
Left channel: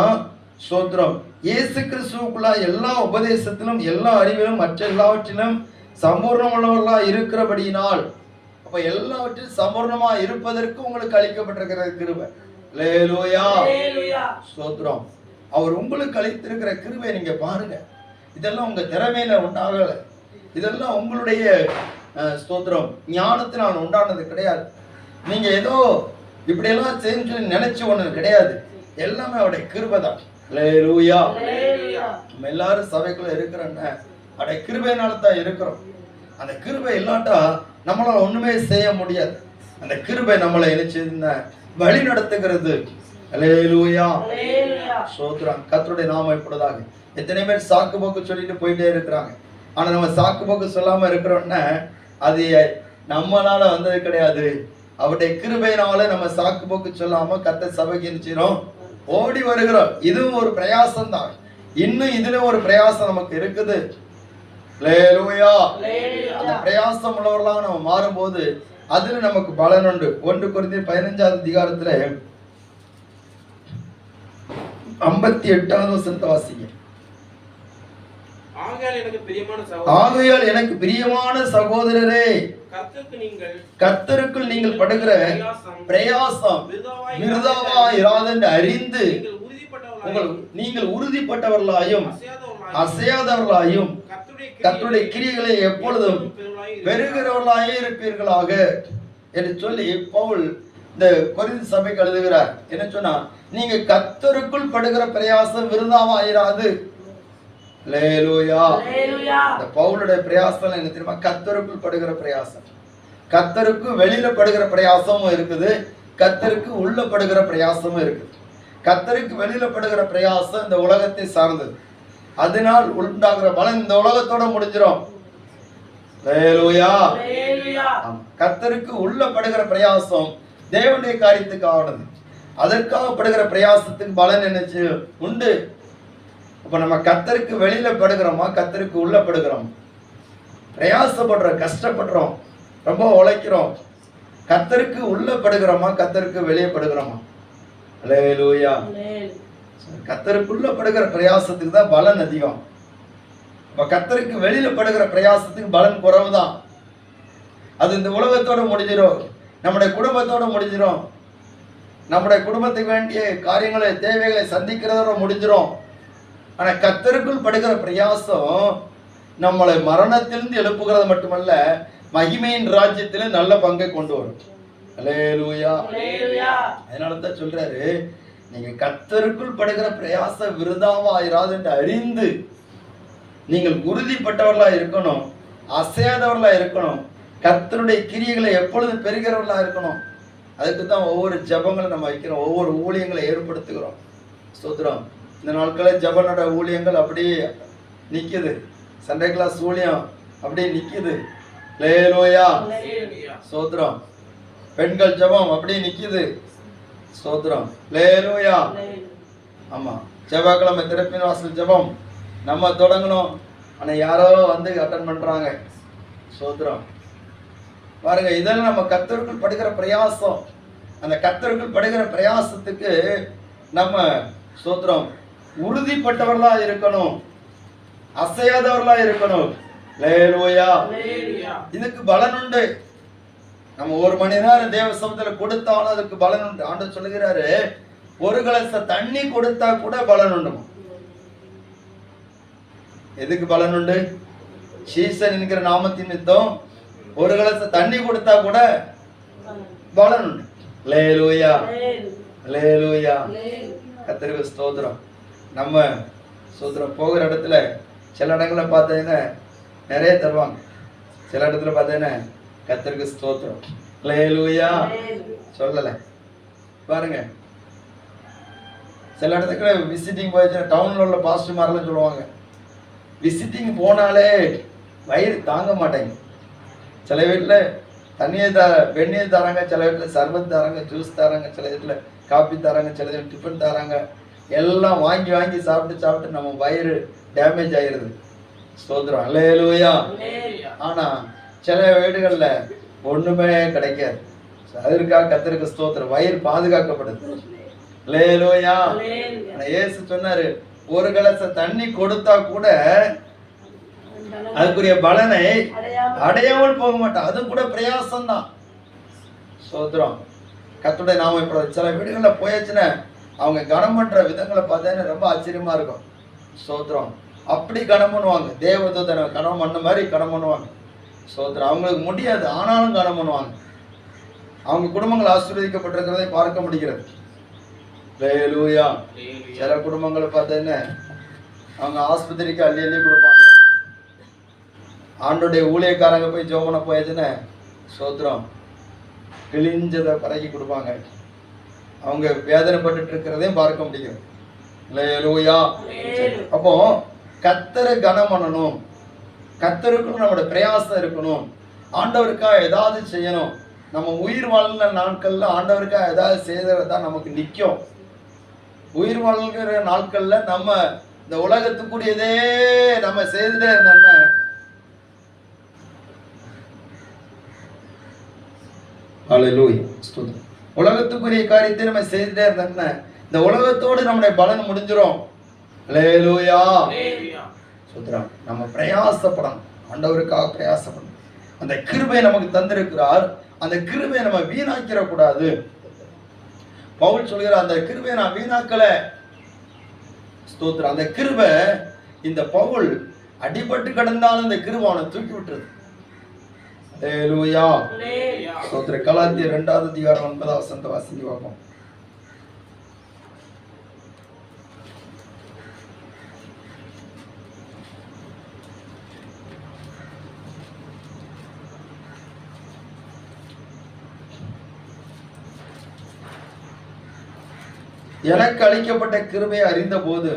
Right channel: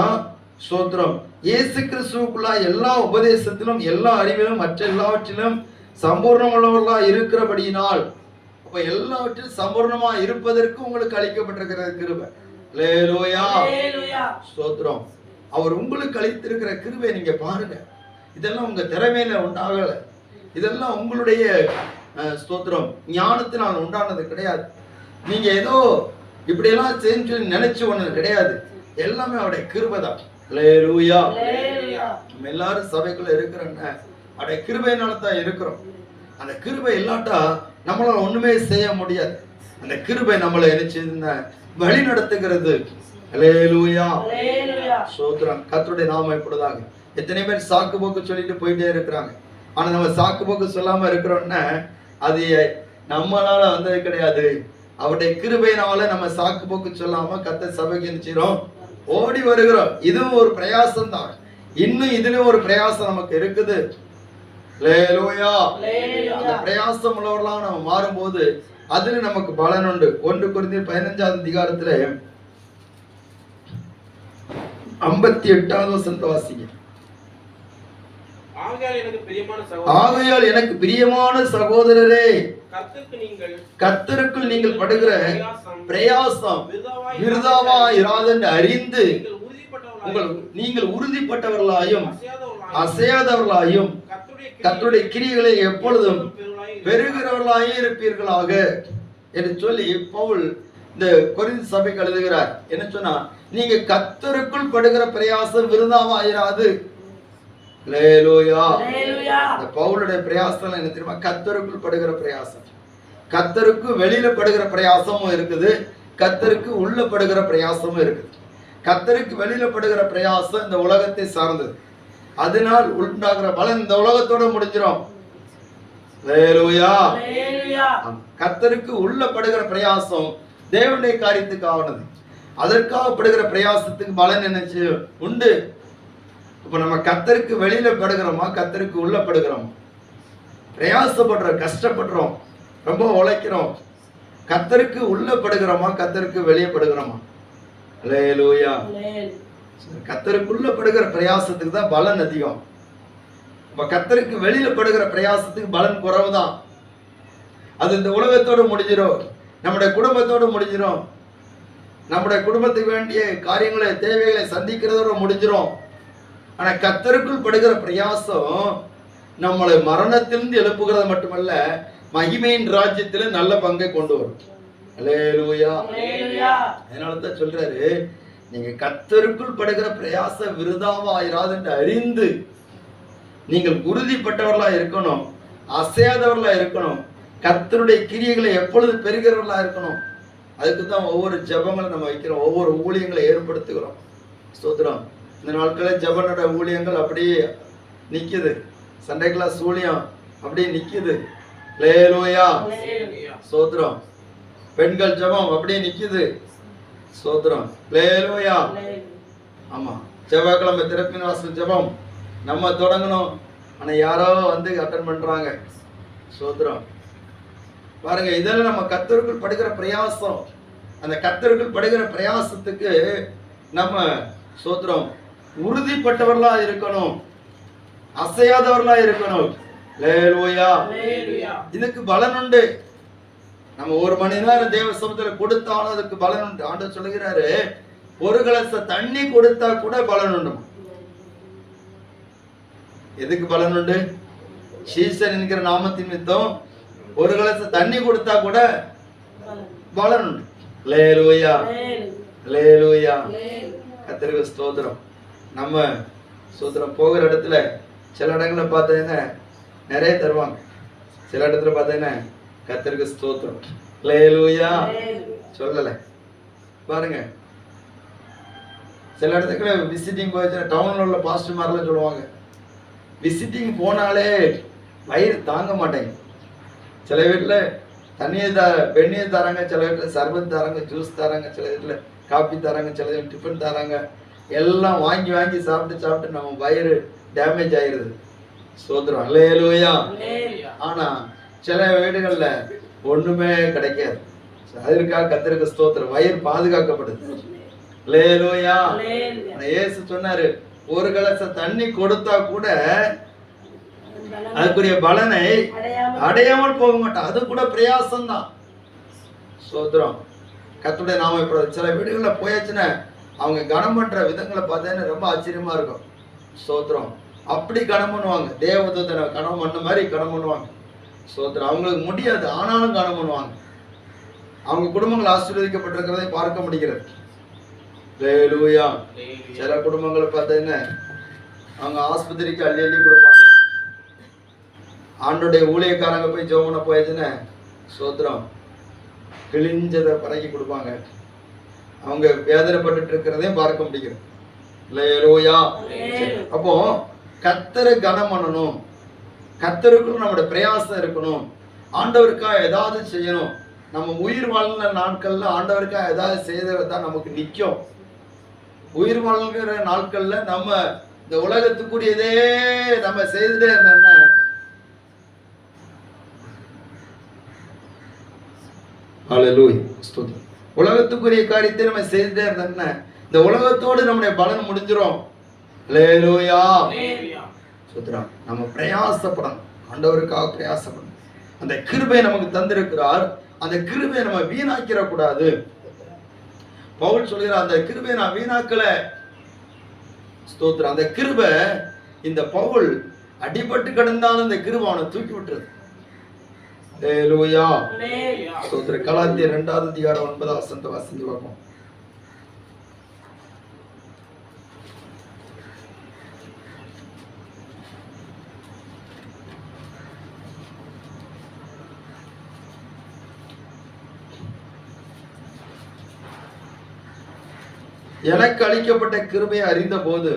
ஸ்தோத்திரம், இயேசு கிறிஸ்துவுக்குள்ள எல்லா உபதேசத்திலும் எல்லா அறிவிலும் மற்ற எல்லாவற்றிலும் சம்பூர்ணமுள்ளவர்களா இருக்கிறபடியினால், அப்ப எல்லாவற்றிலும் சம்பூர்ணமா இருப்பதற்கு உங்களுக்கு அளிக்கப்பட்டிருக்கிற கிருபை. அல்லேலூயா, ஸ்தோத்திரம். அவர் உங்களுக்கு அளித்திருக்கிற கிருபை நீங்க பாருங்க. இதெல்லாம் உங்க திறமையில உண்டாகல, இதெல்லாம் உங்களுடைய ஸ்தோத்திரம் ஞானத்தினால் உண்டானது கிடையாது. நீங்க ஏதோ இப்படியெல்லாம் செஞ்சு நினைச்சு ஒண்ணு கிடையாது, எல்லாமே அவருடைய கிருபை தான். அல்லேலூயா. நம்ம எல்லாரும் சபைக்குள்ள இருக்கிறோங்க, அவருடைய கிருபையினால தான் இருக்கிறோம். அந்த கிருபை இல்லாட்டா நம்மளால ஒண்ணுமே செய்ய முடியாது. அந்த கிருபை நம்மளை என்ன வழி நடத்துகிறது. அல்லேலூயா, ஸ்தோத்திரம். கர்த்தருடைய நாமம் இப்படிதாக. எத்தனை பேர் சாக்கு போக்கு சொல்லிட்டு போயிட்டே இருக்கிறாங்க. ஆனா நம்ம சாக்கு போக்கு சொல்லாம இருக்கிறோம்னா அது நம்மளால வந்தது கிடையாது. அவருடைய கிருபையினால நம்ம சாக்கு போக்கு சொல்லாம கர்த்தர் சபைக்கு நிச்சயம் ஓடி வருகிறோம். இதுவும் ஒரு பிரயாசம் தான். இன்னும் இதுல ஒரு பிரயாசம் நமக்கு இருக்குது. அல்லேலூயா. அந்த பிரயாசம் உள்ளவர்களாக நம்ம மாறும்போது அதுல நமக்கு பலன் உண்டு. 1 கொரிந்தியர் 15ஆம் அதிகாரத்துல 58வது வசனத்தை வாசிங்க. ஆகையால் எனக்கு பிரியமான சகோதரரே, கர்த்தருக்குள் நீங்கள் படுகிற பிரயாசம் விருதாவா இராதென்று அறிந்து நீங்கள் உறுதிப்பட்டவர்களாயும் அசையாதவர்களாயும் கர்த்தருடைய கிரியைகளை எப்பொழுதும் பெறுகிறவர்களாயே இருப்பீர்களாக என்று சொல்லி பவுல் இந்த கொரிந்து சபைக்கு எழுதுகிறார். என்ன சொன்னா, நீங்க கர்த்தருக்குள் படுகிற பிரயாசம் விருதாவா இராது. அல்லேலூயா. இந்த பவுலுடைய பிரயாசம் என்ன தெரியுமா? கர்த்தருக்குள் படுகிற பிரயாசம். கர்த்தருக்கு வெளியில படுகிற பிரயாசமும் இருக்குது, கர்த்தருக்கு உள்ள படுகிற பிரயாசமும் இருக்குது. கர்த்தருக்கு வெளியில படுகிற பிரயாசம் இந்த உலகத்தை சார்ந்தது. அதனால் உண்டாகிற பலன் இந்த உலகத்தோட முடிஞ்சிடும். அல்லேலூயா. கர்த்தருக்கு உள்ள படுகிற பிரயாசம் தேவனுடைய காரியத்துக்கு ஆனது. அதற்காக படுகிற பிரயாசத்துக்கு பலன் என்னச்சு உண்டு. அப்ப நம்ம கர்த்தருக்கு வெளியில படுகிறோமா, கர்த்தருக்கு உள்ள படுகிறோம்? பிரயாசப்படுறோம், கஷ்டப்படுறோம், ரொம்ப உழைக்கிறோம். கர்த்தருக்கு உள்ள படுகிறோமா, கர்த்தருக்கு வெளியே படுகிறோமா? அல்லேலூயா. கர்த்தருக்குள்ள படுகிற பிரயாசத்துக்கு தான் பலன் அதிகம். அப்ப கர்த்தருக்கு வெளியில படுகிற பிரயாசத்துக்கு பலன் குறைவுதான். அது இந்த உலகத்தோட முடிஞ்சிடும், நம்முடைய குடும்பத்தோட முடிஞ்சிடும், நம்முடைய குடும்பத்துக்கு வேண்டிய காரியங்களை தேவைகளை சந்திக்கிறதோட முடிஞ்சிடும். ஆனா கர்த்தருக்குள் படுகிற பிரயாசம் நம்மளை மரணத்திலிருந்து எழுப்புகிறது மட்டுமல்ல, மகிமையின் ராஜ்யத்தில நல்ல பங்கை கொண்டு வரும். அல்லேலூயா. அதனாலதான் சொல்றாரு, நீங்க கர்த்தருக்குள் படுகிற பிரயாசம் விருதாவாயிராது என்று அறிந்து நீங்கள் உறுதிப்பட்டவர்களா இருக்கணும், அசையாதவர்களா இருக்கணும், கர்த்தருடைய கிரியைகளை எப்பொழுது பெறுகிறவர்களா இருக்கணும். அதுக்கு தான் ஒவ்வொரு ஜெபங்களை நம்ம வைக்கிறோம், ஒவ்வொரு ஊழியங்களை ஏற்படுத்துகிறோம். ஸ்தோத்திரம். இந்த நாட்களில் ஜெபனோட ஊழியங்கள் அப்படியே நிக்குது, சண்டே கிளாஸ் ஊழியம் அப்படியே நிக்குது. அல்லேலூயா. ஸ்தோத்திரம். பெண்கள் ஜெபம் அப்படியே நிக்குது. ஸ்தோத்திரம். அல்லேலூயா. ஆமா, செவ்வாய்க்கிழமை திறப்பின் வாசல் ஜெபம் நம்ம தொடங்கணும், ஆனா யாரோ வந்து அட்டன் பண்றாங்க. ஸ்தோத்திரம். பாருங்க, இதெல்லாம் நம்ம கர்த்தருக்குள் படுகிற பிரயாசம். அந்த கர்த்தருக்குள் படுகிற பிரயாசத்துக்கு நம்ம ஸ்தோத்திரம் உறுதிப்பட்டவர்களா இருக்கணும், அசையாதவர்களா இருக்கணும். அல்லேலூயா. அல்லேலூயா. இதுக்கு பலன் உண்டு. நம்ம ஒரு மணி நேரம் தேவ சமூகத்துல கொடுத்தாலும் அதுக்கு பலன் உண்டு. ஆண்டவர் சொல்லுகிறாரு, ஒரு கலச தண்ணி கொடுத்தா கூட பலன் உண்டு. எதுக்கு பலன் உண்டு? சீசன் என்கிற நாமத்தின் நிமித்தம் ஒரு கலச தண்ணி கொடுத்தா கூட பலன் உண்டு. அல்லேலூயா. அல்லேலூயா. கர்த்தருக்கு ஸ்தோத்திரம். நம்ம ஸ்தோத்திரம். போகிற இடத்துல சில இடங்களை பார்த்தீங்கன்னா நிறைய தருவாங்க, சில இடத்துல பார்த்தீங்கன்னா கர்த்தருக்கு ஸ்தோத்திரம். அல்லேலூயா. சொல்லலை பாருங்க. சில இடத்துக்கு விசிட்டிங் போயிடுச்சுன்னா டவுன்ல உள்ள பாஸ்டர் மாதிரிலாம் சொல்லுவாங்க, விசிட்டிங் போனாலே வயிறு தாங்க மாட்டேங்க. சில வீட்டில் தண்ணியை வெந்நீர் தராங்க, சில வீட்டில் சர்பத் தராங்க, ஜூஸ் தராங்க, சில வீட்டில் காப்பி தராங்க, சில வீட்டில் டிஃபன் தராங்க. எல்லாம் வாங்கி வாங்கி சாப்பிட்டு நம்ம வயிறு டேமேஜ் ஆயிடுது. ஸ்தோத்திரம். அல்லேலூயா. ஆனா சில வீடுகள்ல ஒண்ணுமே கிடைக்காது. அதற்காக கர்த்தருக்கு ஸ்தோத்திரம். வயிறு பாதுகாக்கப்படுது. அல்லேலூயா. இயேசு சொன்னாரு, ஒரு கலச தண்ணி கொடுத்தா கூட அதுக்குரிய பலனை அடையாமல் போக மாட்டான். அது கூட பிரயாசம் தான். ஸ்தோத்திரம். கர்த்தருடைய நாமம். இப்போ சில வீடுகள்ல போயாச்சுன்னா அவங்க கனம் பண்ற விதங்களை பார்த்தீங்கன்னா ரொம்ப ஆச்சரியமா இருக்கும். ஸ்தோத்திரம். அப்படி கனம் பண்ணுவாங்க, தேவதூதனை கனம் பண்ண மாதிரி கனம் பண்ணுவாங்க. ஸ்தோத்திரம். அவங்களுக்கு முடியாது, ஆனாலும் கனம் பண்ணுவாங்க. அவங்க குடும்பங்கள் ஆசீர்வதிக்கப்பட்டிருக்கிறதை பார்க்க முடிகிறது. அல்லேலூயா. சில குடும்பங்களை பார்த்தீங்கன்னா அவங்க ஆஸ்பத்திரிக்கு அள்ளி அள்ளி கொடுப்பாங்க. ஆண்டோடைய ஊழியக்காரங்க போய் ஜோமனை போயாச்சுன்னா ஸ்தோத்திரம் கிழிஞ்சதை பறக்கி கொடுப்பாங்க. அவங்க வேதனைப்பட்டு இருக்கிறதையும் பார்க்க முடியும். அல்லேலூயா. அப்போ கர்த்தரை கனம் பண்ணணும், கர்த்தருக்குள்ள நம்முடைய பிரயாசம் இருக்கணும், ஆண்டவருக்காக ஏதாவது செய்யணும். நம்ம உயிர் வாழ்ந்த நாட்கள்ல ஆண்டவருக்காக ஏதாவது செய்யறது தான் நமக்கு நிற்கும். உயிர் வாழ்கிற நாட்கள்ல நம்ம இந்த உலகத்துக்குரியதே நம்ம செய்துட்டே இருந்தோம்னா அல்லேலூயா. ஸ்தோத்திரம். உலகத்துக்குரிய காரியத்தை நம்ம செய்துட்டே இருந்தோம்னா இந்த உலகத்தோடு நம்முடைய பலன் முடிஞ்சிரும். அல்லேலூயா. ஸ்தோத்திரம். நம்ம பிரயாசப்படணும், ஆண்டவருக்காக பிரயாசப்படணும். அந்த கிருபையை நமக்கு தந்திருக்கிறார், அந்த கிருபையை நம்ம வீணாக்கிற கூடாது. பவுல் சொல்கிறார், அந்த கிருபையை நான் வீணாக்கல. ஸ்தோத்திரம். அந்த கிருபை, இந்த பவுல் அடிபட்டு கிடந்தாலும் இந்த கிருபை அவனை தூக்கி விட்டுறது. அல்லேலூயா. ஸ்தோத்திரம். கலாத்தியர் 2வது அதிகாரம் 9வது வசனத்தை வாசித்து பார்ப்போம். எனக்கு அளிக்கப்பட்ட கிருபையை அறிந்த போது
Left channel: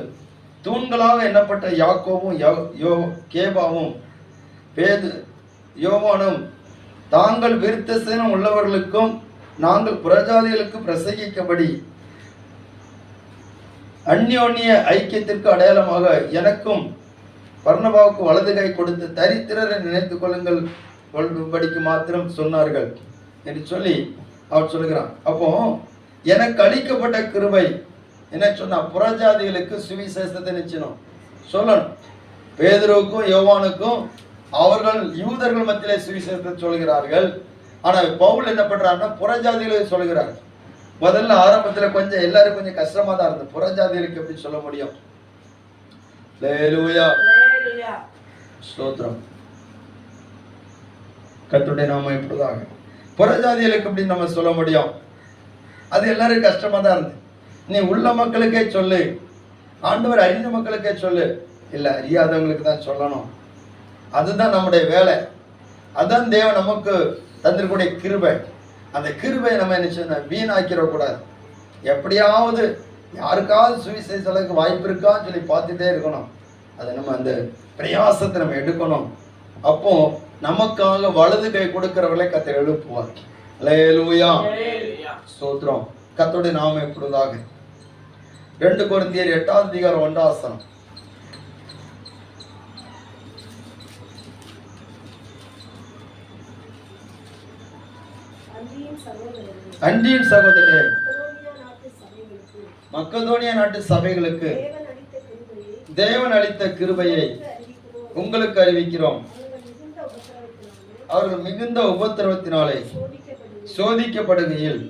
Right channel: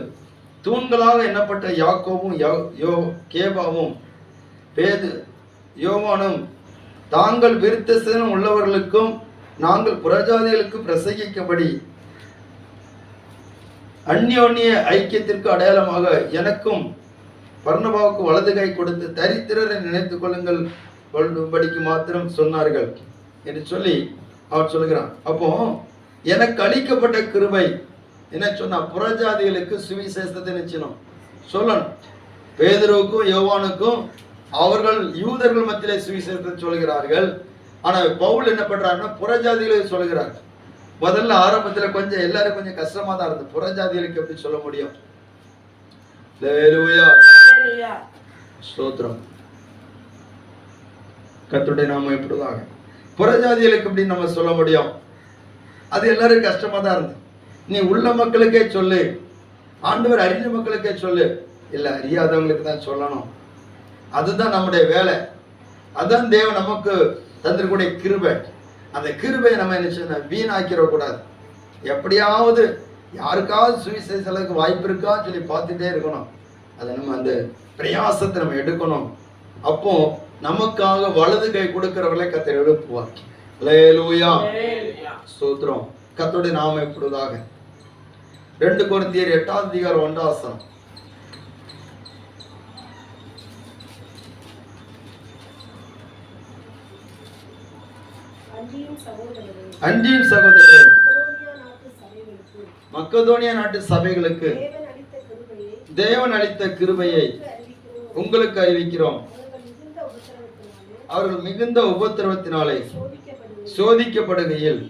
தூண்களாக எண்ணப்பட்ட யாக்கோவும் கேபாவும் யோவானும் தாங்கள் விருத்தசேனம் உள்ளவர்களுக்கும் நாங்கள் புறஜாதிகளுக்கு பிரசங்கிக்கபடி அந்யோன்ய ஐக்கியத்திற்கு அடையாளமாக எனக்கும் பர்னபாவுக்கு வலது கை கொடுத்து தரித்திரரை நினைத்துக் கொள்ளும்படிக்கு மாத்திரம் சொன்னார்கள் என்று சொல்லி அவர் சொல்கிறான். அப்போ எனக்கு அளிக்கப்பட்ட கிருபை என்ன சொன்னா, புறஜாதிகளுக்கு சுவிசேஷத்தை நிச்சயம் சொல்லணும். பேதுருவுக்கும் யோவானுக்கும் அவர்கள் யூதர்கள் மத்தியிலே சுவிசேஷத்தை சொல்கிறார்கள். ஆனா பவுல் என்ன பண்றாருன்னா புறஜாதிகளுக்கு சொல்கிறார். முதல்ல ஆரம்பத்துல கொஞ்சம் எல்லாரும் கொஞ்சம் கஷ்டமா தான் இருந்தது, புறஜாதிகளுக்கு எப்படி சொல்ல முடியும். அல்லேலூயா. ஸ்தோத்திரம். கர்த்தருடைய நாமம் இப்படிதாக புறஜாதிகளுக்கு எப்படி நம்ம சொல்ல முடியும், அது எல்லாரும் கஷ்டமா தான் இருந்தது. நீ உள்ள மக்களுக்கே சொல்லு, ஆண்டவர் அறிஞ்ச மக்களுக்கே சொல்லு. இல்ல அறியாதவங்களுக்கு தான் சொல்லணும், அதுதான் நம்முடைய வேலை, அதுதான் தேவன் நமக்கு தந்திருக்கூடிய கிருபை. அந்த கிருபையை நம்ம என்ன சொன்ன வீணாக்கிட கூடாது. எப்படியாவது யாருக்காவது சுவிசேஷத்துக்கு வாய்ப்பு இருக்கான்னு சொல்லி பார்த்துட்டே இருக்கணும். அதை நம்ம அந்த பிரயாசத்தை நம்ம எடுக்கணும். அப்போ நமக்காக வலது கை கொடுக்கிறவர்களை கர்த்தர் எழுப்புவார். அல்லேலூயா. ஸ்தோத்திரம். கர்த்தருடைய நாமம் இப்படியாக 2 கொரிந்தியர் 8வது அதிகாரம் 1வது வசனம். அன்றியும் சகோதரரே, மக்கதோனியா நாட்டு சபைகளுக்கு தேவன் அளித்த கிருபையை உங்களுக்கு அறிவிக்கிறோம். அவர்கள் மிகுந்த உபத்திரவத்தினாலே சோதிக்கப்படுகையில்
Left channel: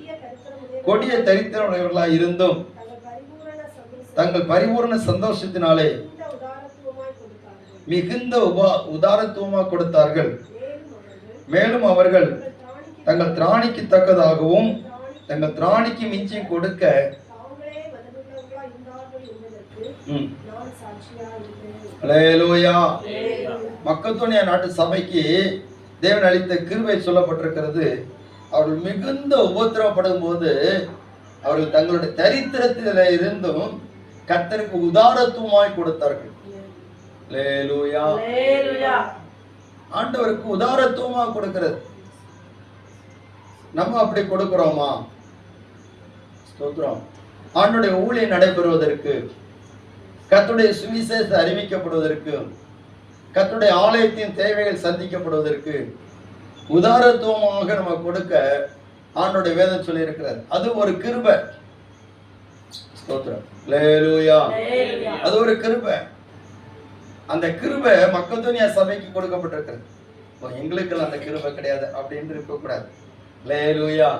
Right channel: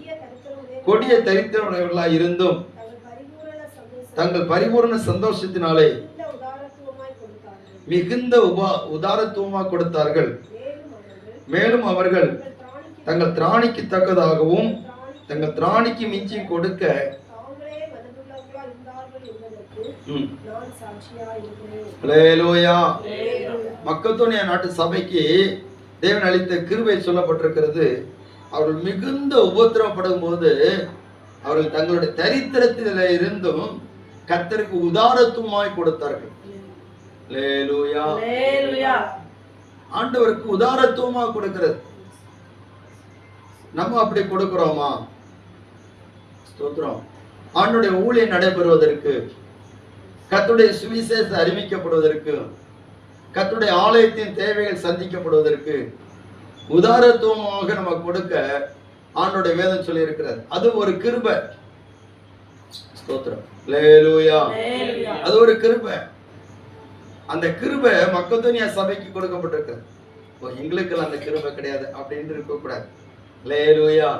கொடிய தரித்திரமுடையவர்களாய் இருந்தும் தங்கள் பரிபூர்ண சந்தோஷத்தினாலே மிகுந்த உதாரத்துவமாக கொடுத்தார்கள். மேலும் அவர்கள் தங்கள் திராணிக்கு தக்கதாகவும் தங்கள் திராணிக்கு மிஞ்சி கொடுக்க அல்லேலூயா. மக்கதோனியா நாட்டு சபைக்கு தேவன் அளித்த கிருபை சொல்லப்பட்டிருக்கிறது. அவர்கள் மிகுந்த உபத்திரவப்படும் போது அவர்கள் தங்களுடைய தரித்திரத்தில இருந்தும் கர்த்தருக்கு உதாரத்துவமாய் கொடுத்தார்கள். அல்லேலூயா. ஆண்டவருக்கு உதாரத்துவமாக கொடுக்கிறது. நம்ம அப்படி கொடுக்கிறோமா? ஸ்தோத்திரம். ஆண்டவருடைய ஊழியம் நடைபெறுவதற்கு, கர்த்தருடைய சுவிசேஷம் அறிவிக்கப்படுவதற்கு, கர்த்தருடைய ஆலயத்தின் தேவைகள் சந்திக்கப்படுவதற்கு உதாரத்துவமாக நம்ம கொடுக்க ஆண்டவருடைய வேதம் சொல்லி இருக்கிறது. அது ஒரு கிருபை. ஸ்தோத்திரம். அல்லேலூயா. அது ஒரு கிருபை. அந்த கிருபை மக்கதோனியா சபைக்கு கொடுக்கப்பட்டிருக்கு. எங்களுக்கு அந்த கிருபை கிடையாது அப்படின்னு இருக்க கூடாது. அல்லேலூயா.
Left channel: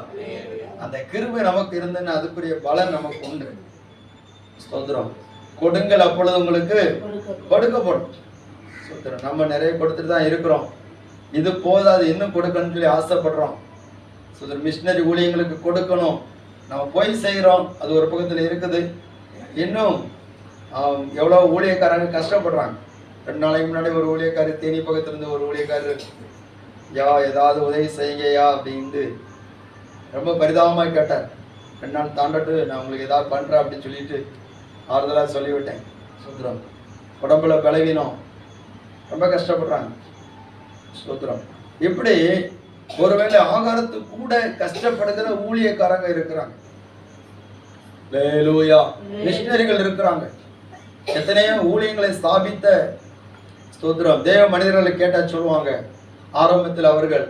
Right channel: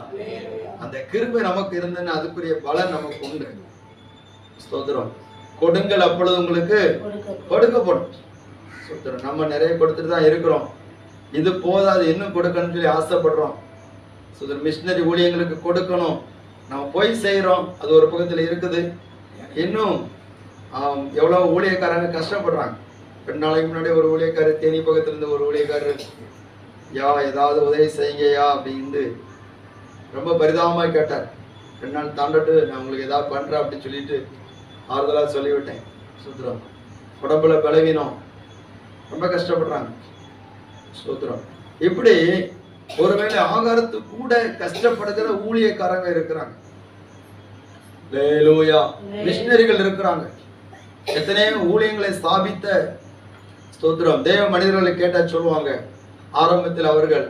அந்த கிருபை நமக்கு இருந்ததுன்னு அதுக்குரிய பலன் நமக்கு உண்டு. ஸ்தோத்திரம். கொடுங்கள் அப்பொழுது உங்களுக்கு கொடுக்கப்படும். ஸ்தோத்திரம். நம்ம நிறைய கொடுத்துட்டு தான் இருக்கிறோம். இது போதாது, இன்னும் கொடுக்கணும்னு சொல்லி ஆசைப்படுறோம். ஸ்தோத்திரம். மிஷினரி ஊழியங்களுக்கு கொடுக்கணும், நம்ம போய் செய்கிறோம், அது ஒரு பக்கத்தில் இருக்குது. இன்னும் எவ்வளோ ஊழியக்காரங்க கஷ்டப்படுறாங்க. 2 நாளைக்கு முன்னாடி ஒரு ஊழியக்காரர், தேனி பக்கத்துலேருந்து ஒரு ஊழியக்காரர், ஏதாவது உதவி செய்யுங்கய்யா அப்படின்னு ரொம்ப பரிதாபமாக கேட்டார். 2 நாள் தாண்டட்டு நான் உங்களுக்கு ஏதாவது பண்ணுறேன் அப்படின்னு சொல்லிட்டு ஆறுதலாக சொல்லிவிட்டேன். ஸ்தோத்திரம். உடம்புல பலவீனம், ரொம்ப கஷ்டப்படுறாங்க. ஸ்தோத்திரம். இப்படி ஒருவேளை ஆகாரத்துக்கு கூட கஷ்டப்படுகிற ஊழியக்காரங்க இருக்கிறாங்க. அல்லேலூயா. மிஷனரிகள் இருக்கிறாங்க. எத்தனையோ ஊழியங்களை ஸ்தாபித்த ஸ்தோத்திரம் தேவ மனிதர்களை கேட்டா சொல்லுவாங்க, ஆரம்பத்தில் அவர்கள்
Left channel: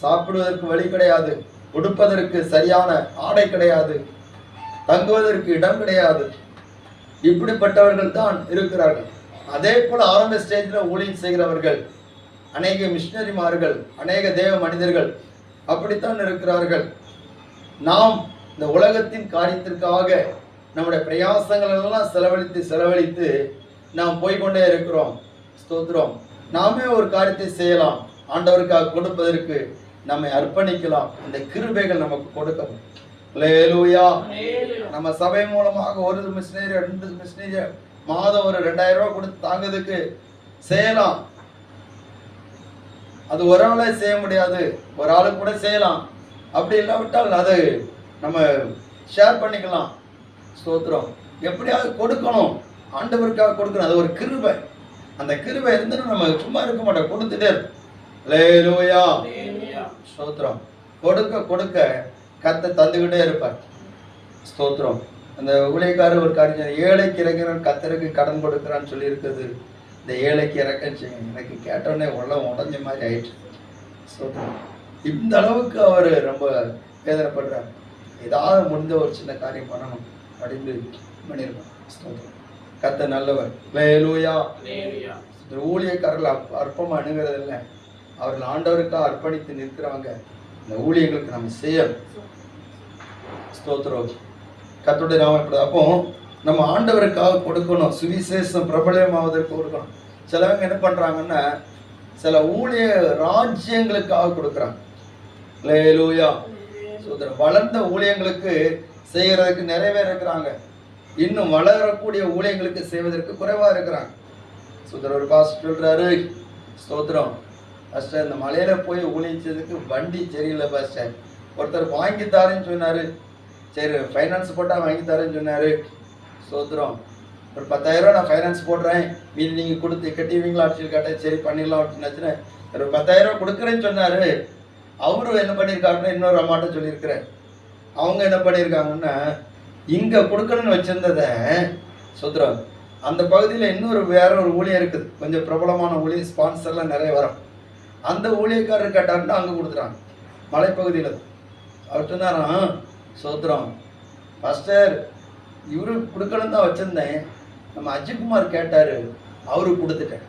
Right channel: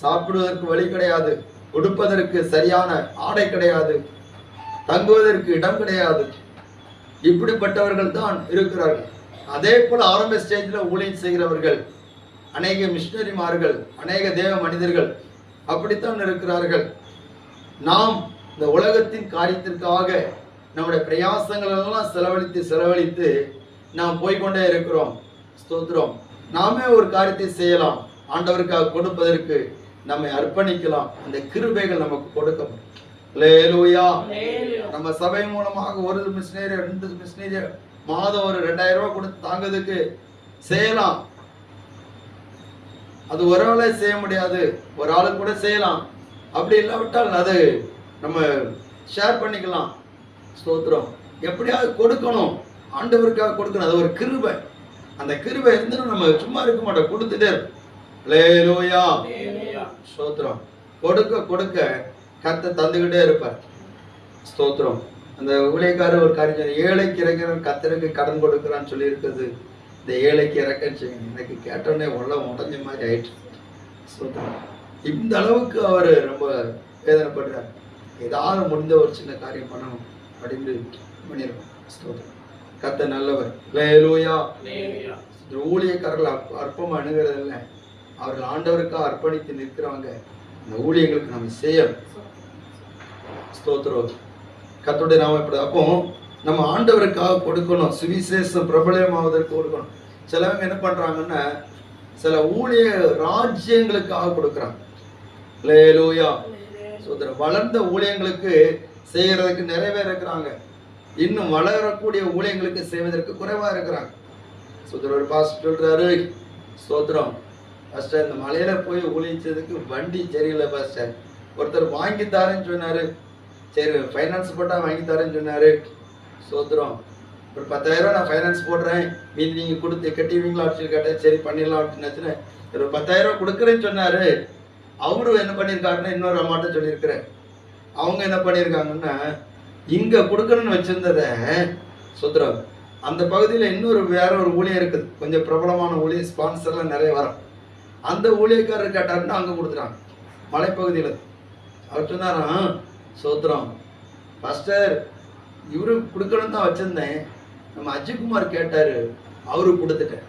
சாப்பிடுவதற்கு வழி கிடையாது, உடுப்பதற்கு சரியான ஆடை கிடையாது, தங்குவதற்கு இடம் கிடையாது, இப்படிப்பட்டவர்கள் தான் இருக்கிறார்கள். அதே போல ஆரம்ப ஸ்டேஜில் ஊழியம் செய்கிறவர்கள் அநேக மிஷனரிமார்கள், அநேக தேவ மனிதர்கள் அப்படித்தான் இருக்கிறார்கள். நாம் இந்த உலகத்தின் காரியத்திற்காக நம்முடைய பிரயாசங்கள் எல்லாம் செலவழித்து நாம் போய்கொண்டே இருக்கிறோம். ஸ்தோத்திரம். நாமே ஒரு காரியத்தை செய்யலாம், ஆண்டவருக்காக கொடுப்பதற்கு நம்மை அர்ப்பணிக்கலாம். இந்த கிருபைகள் நமக்கு கொடுக்கணும். அல்லேலூயா. நம்ம சபை மூலமாக ஒரு மிஷனரி 2 மிஷனரி மாதம் ஒரு 2000 ரூபாய் கொடுத்து தாங்கிறதுக்கு செய்யலாம். அது ஒரு ஆளே செய்ய முடியாது, ஒரு ஆளுக்கு கூட செய்யலாம். அப்படி இல்லாவிட்டால் அதை நம்ம ஷேர் பண்ணிக்கலாம். ஸ்தோத்திரம். எப்படியாவது கொடுக்கணும், ஆண்டவருக்காக கொடுக்கணும். அது ஒரு கிருபை. அந்த கிருபை இருந்தாலும் நம்ம சும்மா இருக்க மாட்டோம், கொடுத்துட்டே இருப்போம். அல்லேலூயா. ஸ்தோத்திரம். கொடுக்க கொடுக்க கர்த்தர் தந்துகிட்டே இருப்பார். ஸ்தோத்திரம். அந்த ஊழியக்காரர் ஒரு காரியம், ஏழைக்கு இறங்குறான் கர்த்தருக்கு கடன் கொடுக்குறான்னு சொல்லி இருக்குது. இந்த ஏழைக்கு இறக்கன்னு எனக்கு கேட்டோடனே உடஞ்ச மாதிரி ஆயிடுச்சு. ஸ்தோத்திரம். இந்த அளவுக்கு அவர் ரொம்ப வேதனைப்படுறார். ஏதாவது முடிஞ்ச ஒரு சின்ன காரியம் பண்ணணும் அப்படின்னு பண்ணியிருக்கோம். ஸ்தோத்திரம். கர்த்தர் நல்லவர். அல்லேலூயா. ஊழியக்காரர்கள் அற்பமாக அணுகிறது இல்லை, அவர்கள் ஆண்டவருக்காக அர்ப்பணித்து நிற்கிறவங்க. இந்த ஊழியர்களுக்கு நம்ம செய்யணும். ஸ்தோத்திரம். கர்த்தருடைய நாமம் எப்படி. அப்போ நம்ம ஆண்டவருக்காக கொடுக்கணும், சுவிசேஷம் பிரபலமாவதற்கு கொடுக்கணும். சிலவங்க என்ன பண்றாங்கன்னா சில ஊழிய ராஜ்யங்களுக்காக கொடுக்குறாங்க. அல்லேலூயா. ஸ்தோத்திரம். வளர்ந்த ஊழியங்களுக்கு செய்யறதுக்கு நிறைவே இருக்கிறாங்க, இன்னும் வளரக்கூடிய ஊழியங்களுக்கு செய்வதற்கு குறைவா இருக்கிறாங்க. ஸ்தோத்திரம். ஒரு பாஸ்டர் சொல்றாரு, ஸ்தோத்திரம், பாஸ்டர் இந்த மலையில போய் ஊழியச்சதுக்கு வண்டி சரியில்லை பாஸ்டர். ஒருத்தர் வாங்கி தாரேன்னு சொன்னாரு, சரி ஃபைனான்ஸ் போட்டால் வாங்கி தரேன்னு சொன்னார். ஸ்தோத்திரம். ஒரு 10,000 ரூபா நான் ஃபைனான்ஸ் போடுறேன், மீதி நீங்கள் கொடுத்து கட்டிடுவீங்களா அப்படின்னு கேட்டேன். சரி பண்ணிடலாம் அப்படின்னு ஒரு 10,000 ரூபா கொடுக்குறேன்னு சொன்னார். அவரும் என்ன பண்ணியிருக்காருன்னா இன்னொரு அம்மாட்ட சொல்லியிருக்கிறேன். அவங்க என்ன பண்ணியிருக்காங்கன்னா இங்கே கொடுக்கணும்னு வச்சுருந்ததை ஸ்தோத்திரம் அந்த பகுதியில் இன்னொரு வேற ஒரு ஊழியர் இருக்குது, கொஞ்சம் பிரபலமான ஊழியர், ஸ்பான்சர்லாம் நிறைய வரும். அந்த ஊழியக்காரர் கேட்டாருன்னா அங்கே கொடுத்துறாங்க மலைப்பகுதியில். அவர் சொன்னாராம், ஸ்தோத்திரம் பாஸ்டர் இவரு கொடுக்கணும் தான் வச்சுருந்தேன், நம்ம அஜித்குமார் கேட்டாரு, அவரு கொடுத்துட்டேன்.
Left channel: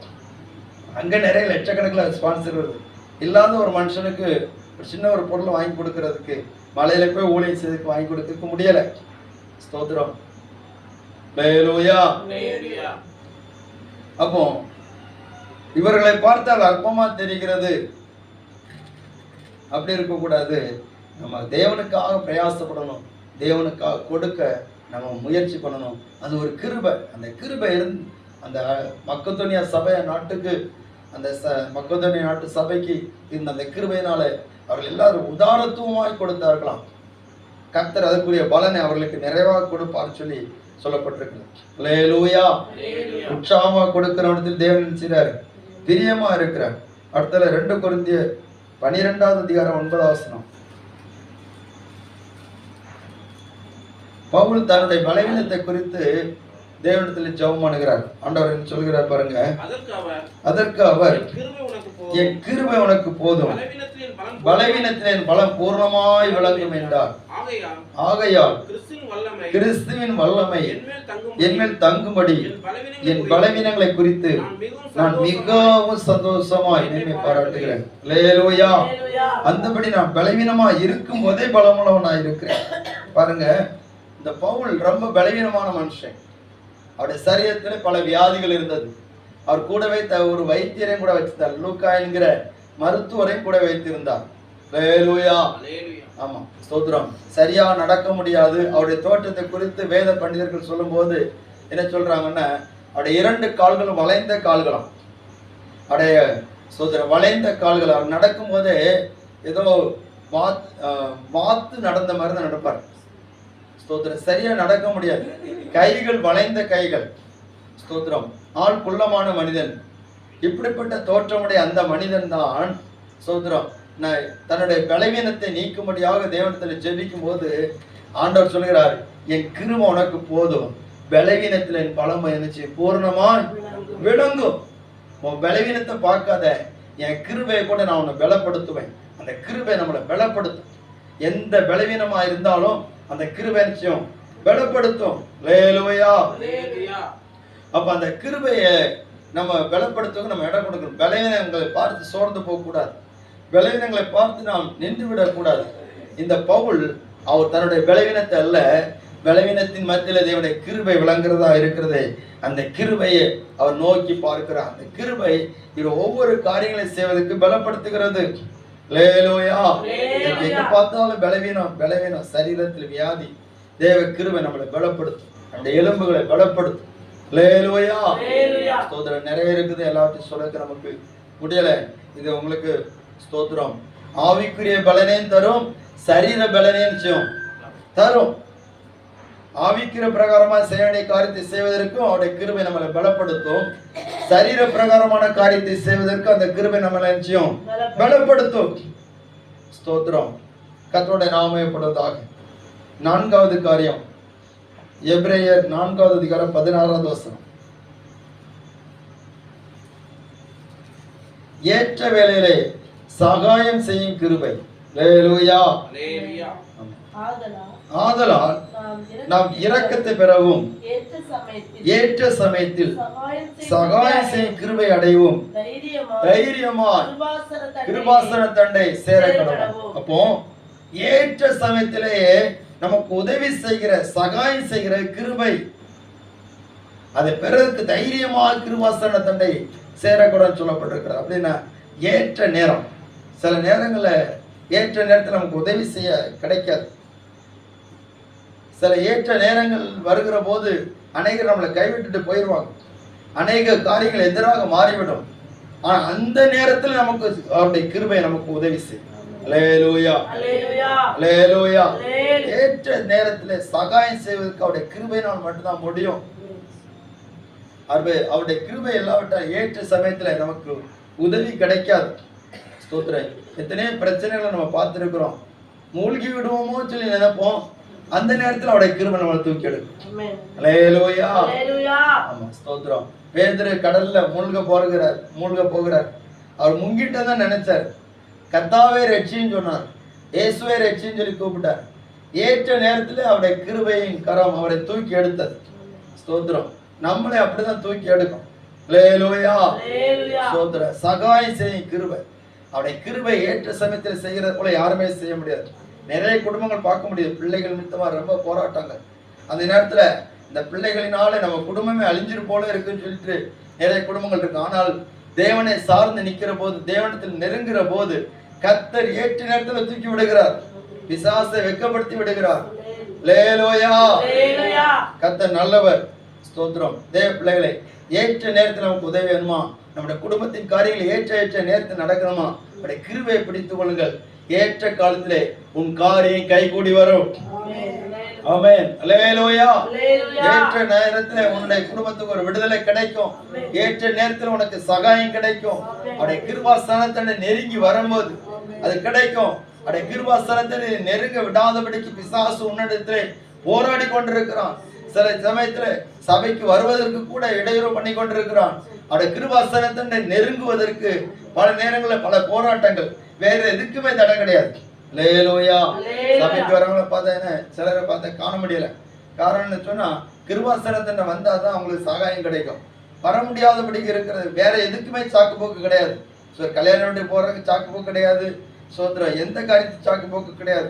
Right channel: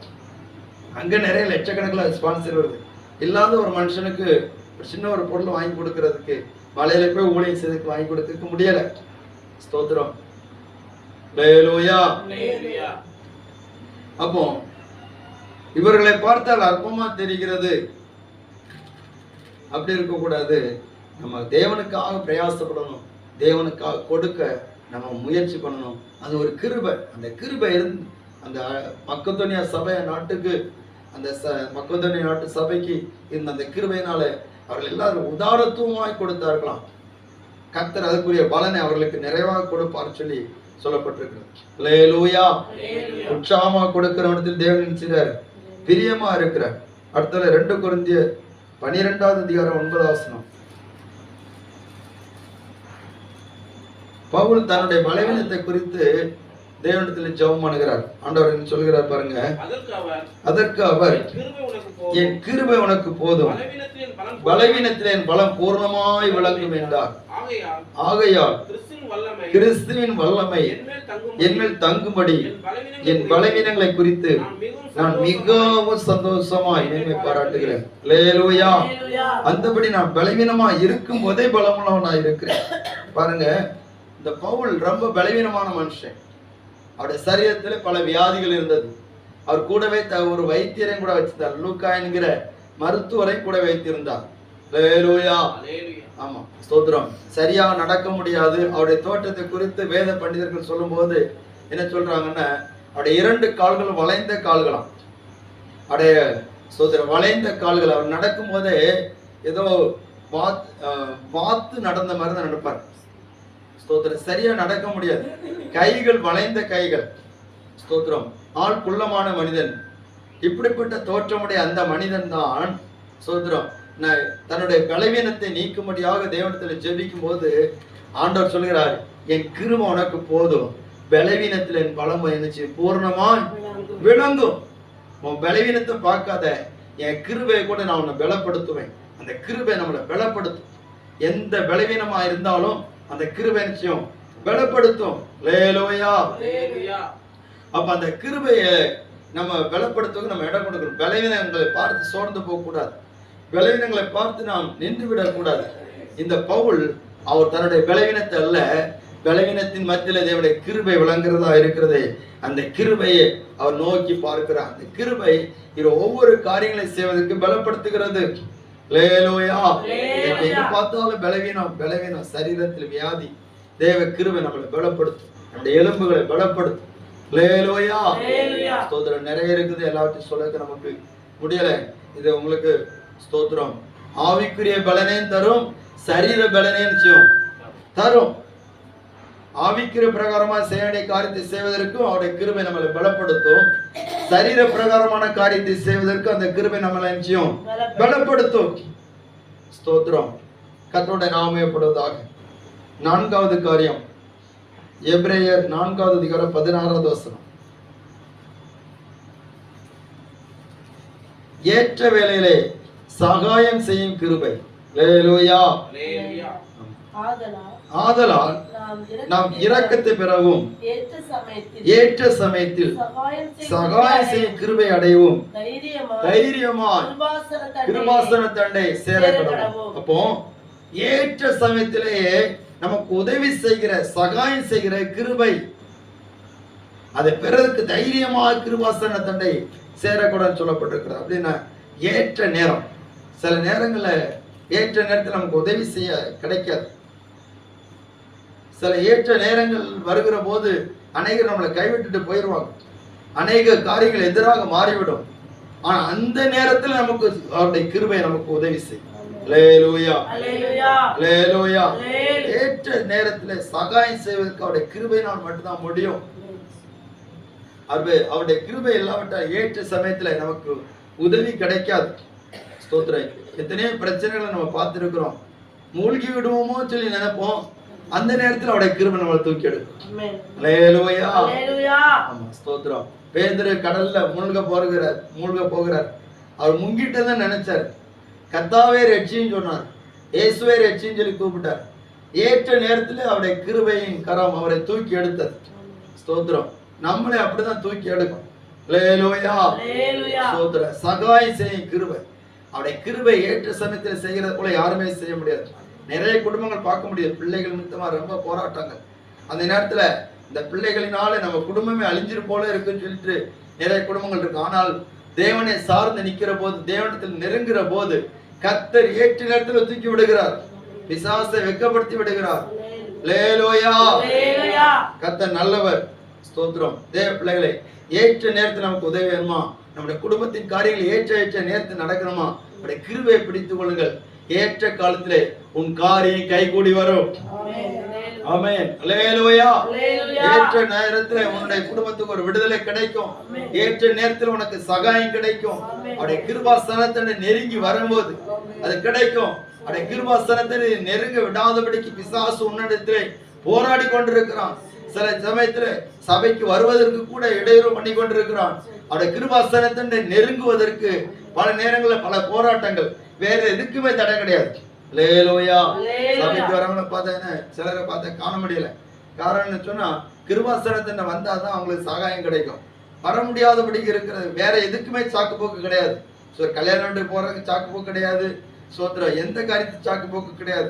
அங்க நிறைய லட்சக்கணக்கில் ஸ்பான்சர் வருது. இல்லாத ஒரு மனுஷனுக்கு ஒரு சின்ன ஒரு பொருள் வாங்கி கொடுக்கறதுக்கு, மலையில போய் ஊழியம் செய்துக்கு வாங்கி கொடுக்க முடியல. ஸ்தோத்திரம். ஹல்லேலூயா. அப்போ இவர்களை பார்த்தால் அற்பமா தெரிகிறது. அப்படி இருக்கக்கூடாது. நம்ம தேவனுக்காக பிரயாசப்படணும், தேவனுக்காக கொடுக்க நம்ம முயற்சி பண்ணணும். அது ஒரு கிருபை. அந்த கிருபை அந்த மக்கதோனியா சபை நாட்டுக்கு, அந்த மக்கதோனியா நாட்டு சபைக்கு இருந்த அந்த கிருபையினால அவர்கள் எல்லாரும் உதாரத்துவமாய் கொடுத்தார்களாம். கர்த்தர் அதற்குரிய பலனை அவர்களுக்கு நிறைவாக கொடுப்பார் சொல்லி சொல்லப்பட்டிருக்கு. ஹல்லேலூயா. உற்சாகமா கொடுக்கிறவனத்தில் தேவன் செய்றார், பிரியமா இருக்கிறார். அடுத்தல 2 கொரிந்தியர் 12வது அதிகாரம் 9வது வசனம். பவுல் தன்னுடைய பலவீனத்தை குறித்து தேவனிடத்தில் ஜெபம் பண்ணுகிறார். ஆண்டவர் என்ன சொல்கிறார் பாருங்க. அதற்கு அவர் என் கிருபை உனக்கு போதும், பலவீனத்தில் என் பலம் பூர்ணமாய் விளங்கும் என்றார். ஆகையால் கிறிஸ்துவின் வல்லமை என்மேல் தங்கும்படி என் பலவீனங்களை குறித்து நான் மிகவும் சந்தோஷமாய் என்னை பாராட்டுகிறேன். ஹல்லேலூயா. அந்தபடி நான் பலவீனமாய் இருக்கும் போதே பலமுள்ளவனாய் இருக்கிறேன். பாருங்க, இந்த பவுல் ரொம்ப பலவீனமான மனுஷன். அவருடைய சரீரத்தில் பல வியாதிகள் இருந்தது. அவர் கூடவே ஒரு வைத்தியரையும் கூட வச்சிருந்தார். லூக்கா என்கிற மருத்துவரை கூட வைத்திருந்தார். ஹல்லேலூயா. ஆமா, ஸ்தோத்திரம். சரியா நடக்க முடியாது. அவருடைய தோற்றத்தை குறித்து வேத பண்டிதர்கள் சொல்லும் போது என்ன சொல்றாங்கன்னா, அவருடைய 2 கால்களும் வளைந்த கால்களாம். அவருடைய ஸ்தோத்திரம் வளைந்த கால்கள். அவர் நடக்கும் போதே ஏதோ வாத்து நடந்த மாதிரி தான் நடப்பார். ஸ்தோத்திரம். சரியா நடக்க முடியாது. கைகள் வளைந்த கைகள். ஸ்தோத்திரம். ஆள் குள்ளமான மனிதன். இப்படிப்பட்ட தோற்றமுடைய அந்த மனிதன் தான் ஸ்தோத்திரம் தன்னுடைய பலவீனத்தை நீக்கும்படியாக தேவனிடத்தில் ஜெபிக்கும் போது ஆண்டவர் சொல்கிறார், என் கிருபை உனக்கு போதும், பலவீனத்தில் என் பலம் என்னச்சு பூர்ணமா விளங்கும். உன் பலவீனத்தை பார்க்காத, என் கிருபையை கூட நான் உன்னை பலப்படுத்துவேன். அந்த கிருபை நம்மளை பலப்படுத்தும். எந்த பலவீனமா இருந்தாலும் அந்த கிருபை நிச்சயம் பலப்படுத்தும். ஹல்லேலூயா. அப்ப அந்த கிருபையை நம்ம பலப்படுத்துவதற்கு நம்ம இடம் கொடுக்கணும். பலவீனங்களை பார்த்து சோர்ந்து போக கூடாது. பலவீனங்களை பார்த்து நாம் நின்று விடக்கூடாது. இந்த பவுல் அவர் தன்னுடைய பலவீனத்தை அல்ல, பலவீனத்தின் மத்தியிலே தேவனுடைய கிருபை விளங்குறதா இருக்கிறது. அந்த கிருபையை அவர் நோக்கி பார்க்கிறார். அந்த கிருபை இவர் ஒவ்வொரு காரியங்களை செய்வதற்கு பலப்படுத்துகிறது. ஹல்லேலூயா. எங்க பார்த்தாலும் பலவீனம் சரீரத்தில் வியாதி. தேவ கிருபை நம்மளை பலப்படுத்தும், நம்முடைய எலும்புகளை பலப்படுத்தும். ஹல்லேலூயா. ஸ்தோத்திரம். நிறைய இருக்குது, எல்லாத்தையும் சொல்ல நமக்கு முடியல. இது உங்களுக்கு ஸ்தோத்திரம் ஆவிக்குரிய பலனையும் தரும், சரீர பலனையும் செய்யும் தரும். ஆவிக்குரிய பிரகாரமா செய்ய வேண்டிய காரியத்தை செய்வதற்கும் அவருடைய கிருபை நம்மளை பலப்படுத்தும். சரீர பிரகாரமான காரியத்தை செய்வதற்கு அந்த கிருபை நம்மளை நிச்சயம் பலப்படுத்தும். ஸ்தோத்திரம். கர்த்தருடைய நாமப்படுவதாக. 4வது காரியம், எபிரேயர் 4வது அதிகாரம் 16வது வசனம். ஏற்ற வேளையிலே சகாயம் செய்யும் கிருபை. ஹல்லேலூயா. ஆதலால் நாம் இரக்கத்தை பெறவும் ஏற்ற சமயத்தில் சகாயம் செய்யும் கிருபை அடையவும் தைரியமாய் கிருபாசன தண்டை சேரப்படவும். அப்போ ஏற்ற சமயத்திலேயே நமக்கு உதவி செய்கிற சகாயம் செய்கிற கிருபை, அதை பெறதுக்கு தைரியமாக கிருபாசன தண்டை சேரக்கூடாதுன்னு சொல்லப்பட்டிருக்கிறார். அப்படின்னா ஏற்ற நேரம். சில நேரங்களில் ஏற்ற நேரத்தில் நமக்கு உதவி செய்ய கிடைக்காது. சில ஏற்ற நேரங்கள் வருகிற போது அநேகர் நம்மளை கைவிட்டுட்டு போயிடுவாங்க. அநேக காரியங்கள் எதிராக மாறிவிடும். ஆனா அந்த நேரத்தில் நமக்கு அவருடைய கிருபை நமக்கு உதவி செய்யும். ஹல்லேலூயா. ஹல்லேலூயா. ஏற்ற நேரத்தில் சகாயம் செய்வதற்கு அவருடைய கிருபையினால் மட்டும்தான் முடியும். அவருடைய கிருபை இல்லாவிட்டால் ஏற்ற சமயத்துல நமக்கு உதவி கிடைக்காது. ஸ்தோத்திரம். எத்தனையோ பிரச்சனைகளை நம்ம பார்த்துருக்கிறோம். மூழ்கி விடுவோமோ சொல்லி நினைப்போம். அந்த நேரத்தில் அவருடைய கிருபை நம்மளை தூக்கி எடுக்கும். ஹல்லேலூயா. ஆமா, ஸ்தோத்திரம். பேதுரு கடல்ல மூழ்க போகிறார். அவர் முங்கிட்டதான் நினைச்சார். கர்த்தாவே ரட்சின்னு சொன்னார். இயேசுவே ரட்சின்னு சொல்லி கூப்பிட்டார். ஏற்ற நேரத்தில் அவருடைய கிருபையின் கரம் அவரை தூக்கி எடுத்தது. ஸ்தோத்திரம். நம்மளே அப்படிதான் தூக்கி எடுக்கும். அல்லேலூயா. ஸ்தோத்திரம். சகாயம் செய்யும் கிருபை. அவருடைய கிருபை ஏற்ற சமயத்தில் செய்கிறது போல யாருமே செய்ய முடியாது. நிறைய குடும்பங்கள் பார்க்க முடியாது, பிள்ளைகள் நிமித்தமா ரொம்ப போராட்டங்கள். அந்த நேரத்துல இந்த பிள்ளைகளினால நம்ம குடும்பமே அழிஞ்சிரு போல இருக்குன்னு சொல்லிட்டு நிறைய குடும்பங்கள் இருக்கு. ஆனால் தேவனை சார்ந்து நிக்கிற போது, தேவனத்தில் நெருங்குற போது கர்த்தர் ஏற்ற நேரத்தில் தூக்கி விடுகிறார், பிசாசை வெட்கப்படுத்தி விடுகிறார். அல்லேலூயா. கர்த்தர் நல்லவர். ஸ்தோத்திரம். தேவ பிள்ளைகளை, ஏற்ற நேரத்தில் நமக்கு உதவி வேணுமா? நம்முடைய குடும்பத்தின் காரியங்கள் ஏற்ற நேரத்தில் நடக்கணுமா? அவருடைய கிருபையை பிடித்துக் கொள்ளுங்கள். ஏற்ற காலத்திலே உன் காரியம் கைகூடி வரும். ஆமென். அல்லேலூயா. ஏற்ற நேரத்திலே உன்னுடைய குடும்பத்துக்கு ஒரு விடுதலை கிடைக்கும். ஏற்ற நேரத்தில் உனக்கு சகாயம் கிடைக்கும். அவருடைய கிருபாசனத்தை நெருங்கி வரும்போது அது கிடைக்கும். அவருடைய கிருபாசனத்தை நெருங்க விடாதபடிக்கு பிசாசு உன்னிடத்திலே போராடி கொண்டிருக்கிறான். சில சமயத்துல சபைக்கு வருவதற்கு கூட இடையூறு பண்ணி கொண்டிருக்கிறான். அவருடைய கிருபாசனத்தை நெருங்குவதற்கு பல நேரங்களில் பல போராட்டங்கள். வேற எதுக்குமே தடை கிடையாது. அல்லேலூயா. சபைக்கு வரவங்களை பார்த்தா சிலரை பார்த்தா காண முடியல. காரணம்னு சொன்னா கிருபாசனத்தை வந்தாதான் அவங்களுக்கு சகாயம் கிடைக்கும். வர முடியாதபடிக்கு இருக்கிறது. வேற எதுக்குமே சாக்கு போக்கு கிடையாது. கல்யாணம் போறதுக்கு சாக்கு போக்கு கிடையாது. சோத்திரம். எந்த காரியத்துக்கு சாக்கு போக்கு கிடையாது.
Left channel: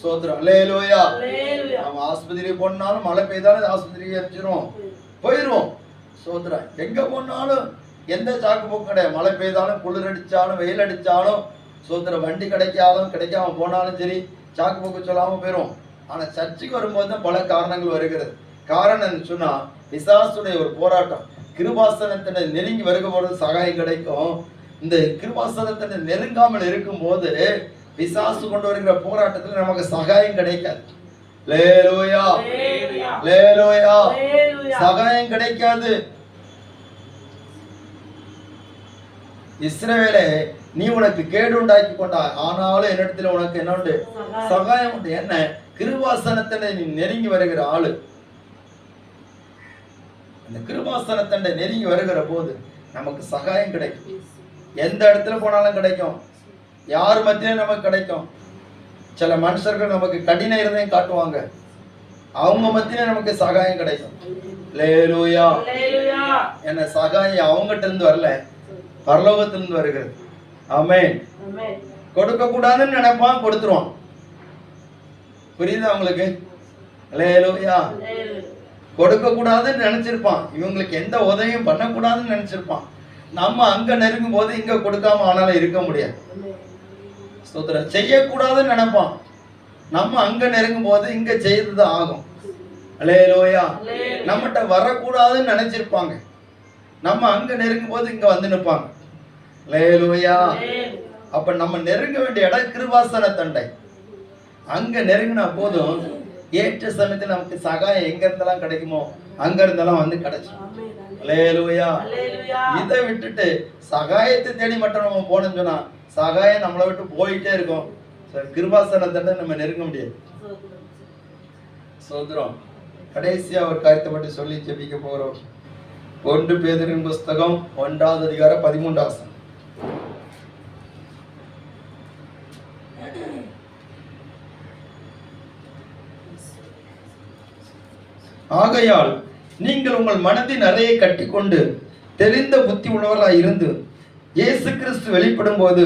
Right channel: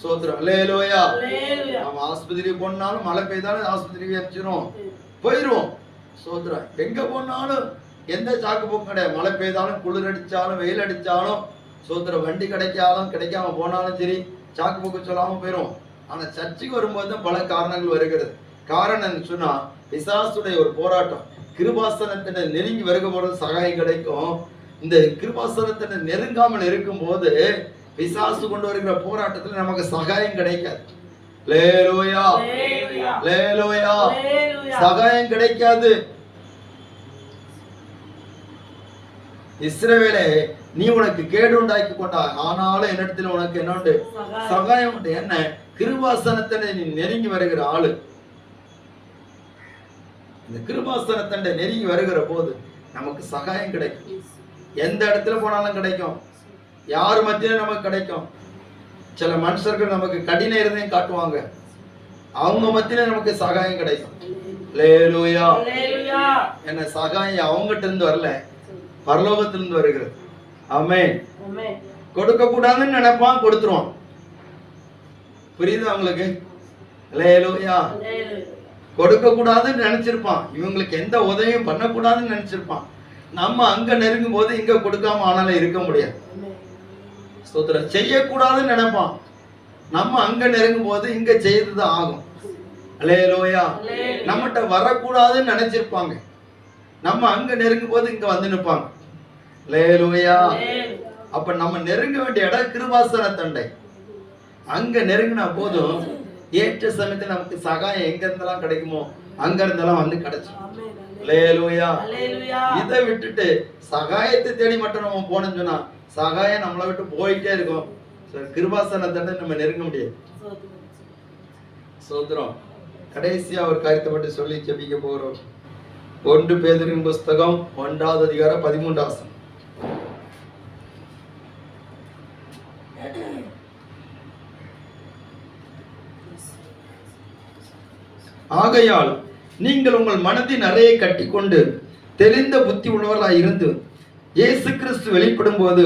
சோத்திரம். அல்லேலூயா. நம்ம ஆஸ்பத்திரிக்கு போனாலும் மழை பெய்தாலும் ஆஸ்பத்திரிக்கு அடிச்சிடும், போயிடுவோம். சோத்திரம். எங்க போனாலும் எந்த சாக்கு போக்கும் கிடையாது. மழை பெய்தாலும் குளிர் அடிச்சாலும் வெயில் அடிச்சாலும் சோத்திரம். வண்டி கிடைக்காலும் கிடைக்காம போனாலும் சரி சாக்கு போக்கு சொல்லாம போயிடும். ஆனா சர்ச்சைக்கு வரும்போது தான் பல காரணங்கள் வருகிறது. காரணம் சொன்னா பிசாசுடைய ஒரு போராட்டம். கிருபாசனத்தினை நெருங்கி வரும்போது சகாயம் கிடைக்கும். இந்த கிருபாசனத்தினை நெருங்காமல் இருக்கும் போது பிசாசு கொண்டு வருகிற போராட்டத்தில் நமக்கு சகாயம் கிடைக்காது. அல்லேலூயா. அல்லேலூயா. சகாயம் கிடைக்காது. இஸ்ரவேலே, நீ உனக்கு கேடு உண்டாக்கி கொண்டாய், ஆனாலும் என்னிடத்தில் உனக்கு என்ன உண்டு? சகாயம் உண்டு. என்ன? கிருபாசனத்தினை நீ நெருங்கி வருகிற ஆளு. இந்த கிருபாசனத்தினை நெருங்கி வருகிற போது நமக்கு சகாயம் கிடைக்கும். எந்த இடத்துல போனாலும் கிடைக்கும். யார் மத்தியிலும் நமக்கு கிடைக்கும். சில மனுஷர்கள் நமக்கு கடின இருதையும் காட்டுவாங்க, அவங்க மத்தியில நமக்கு சகாயம் கிடைக்கும். அல்லேலூயா. என்ன? சகாயம் அவங்ககிட்ட இருந்து வரல, பரலோகத்திலிருந்து வருகிறது. ஆமென். கொடுக்க கூடாதுன்னு நினைப்பான், கொடுத்துருவான். புரியுதா உங்களுக்கு? அல்லேலூயா. கொடுக்க கூடாதுன்னு நினைச்சிருப்பான், இவங்களுக்கு எந்த உதவியும் பண்ணக்கூடாதுன்னு நினைச்சிருப்பான். நம்ம அங்க நெருங்கும் போது இங்க கொடுக்காம ஆனாலும் இருக்க முடியாது. ஸ்தோத்திரம். செய்யக்கூடாதுன்னு நினைப்பான், நம்ம அங்க நெருங்கும் போது இங்க செய்துதான் ஆகும். அல்லேலூயா. நம்மகிட்ட வரக்கூடாதுன்னு நினைச்சிருப்பாங்க, நம்ம அங்க நெருங்கும் போது இங்க வந்து நிற்பாங்க. அல்லேலூயா. அப்ப நம்ம நெருங்க வேண்டிய இடம் கிருபாசன தண்டை. அங்க நெருங்கினா போதும் ஏற்ற சமயத்தில் நமக்கு சகாயம் எங்க இருந்தெல்லாம் கிடைக்குமோ அங்க இருந்தெல்லாம் வந்து கிடைச்சிடும். அல்லேலூயா. இதை விட்டுட்டு சகாயத்தை தேடி மட்டும் நம்ம போனோம்னு சொன்னா சகாயம் நம்மளை விட்டு போயிட்டே இருக்கும். கிருபாசன தண்டை நம்ம நெருங்க முடியாது. சோதரம். கடைசியா ஒரு காரியத்தை மட்டும் சொல்லி ஜெபிக்க போறோம். 1 பேதுருவின் புஸ்தகம் 1வது அதிகாரம் 13வது வசனம். ஆகையால் நீங்கள் உங்கள் மனதின் அறையை கட்டிக்கொண்டு தெளிந்த புத்தி உள்ளவர்களாய் இருந்து இயேசு கிறிஸ்து வெளிப்படும் போது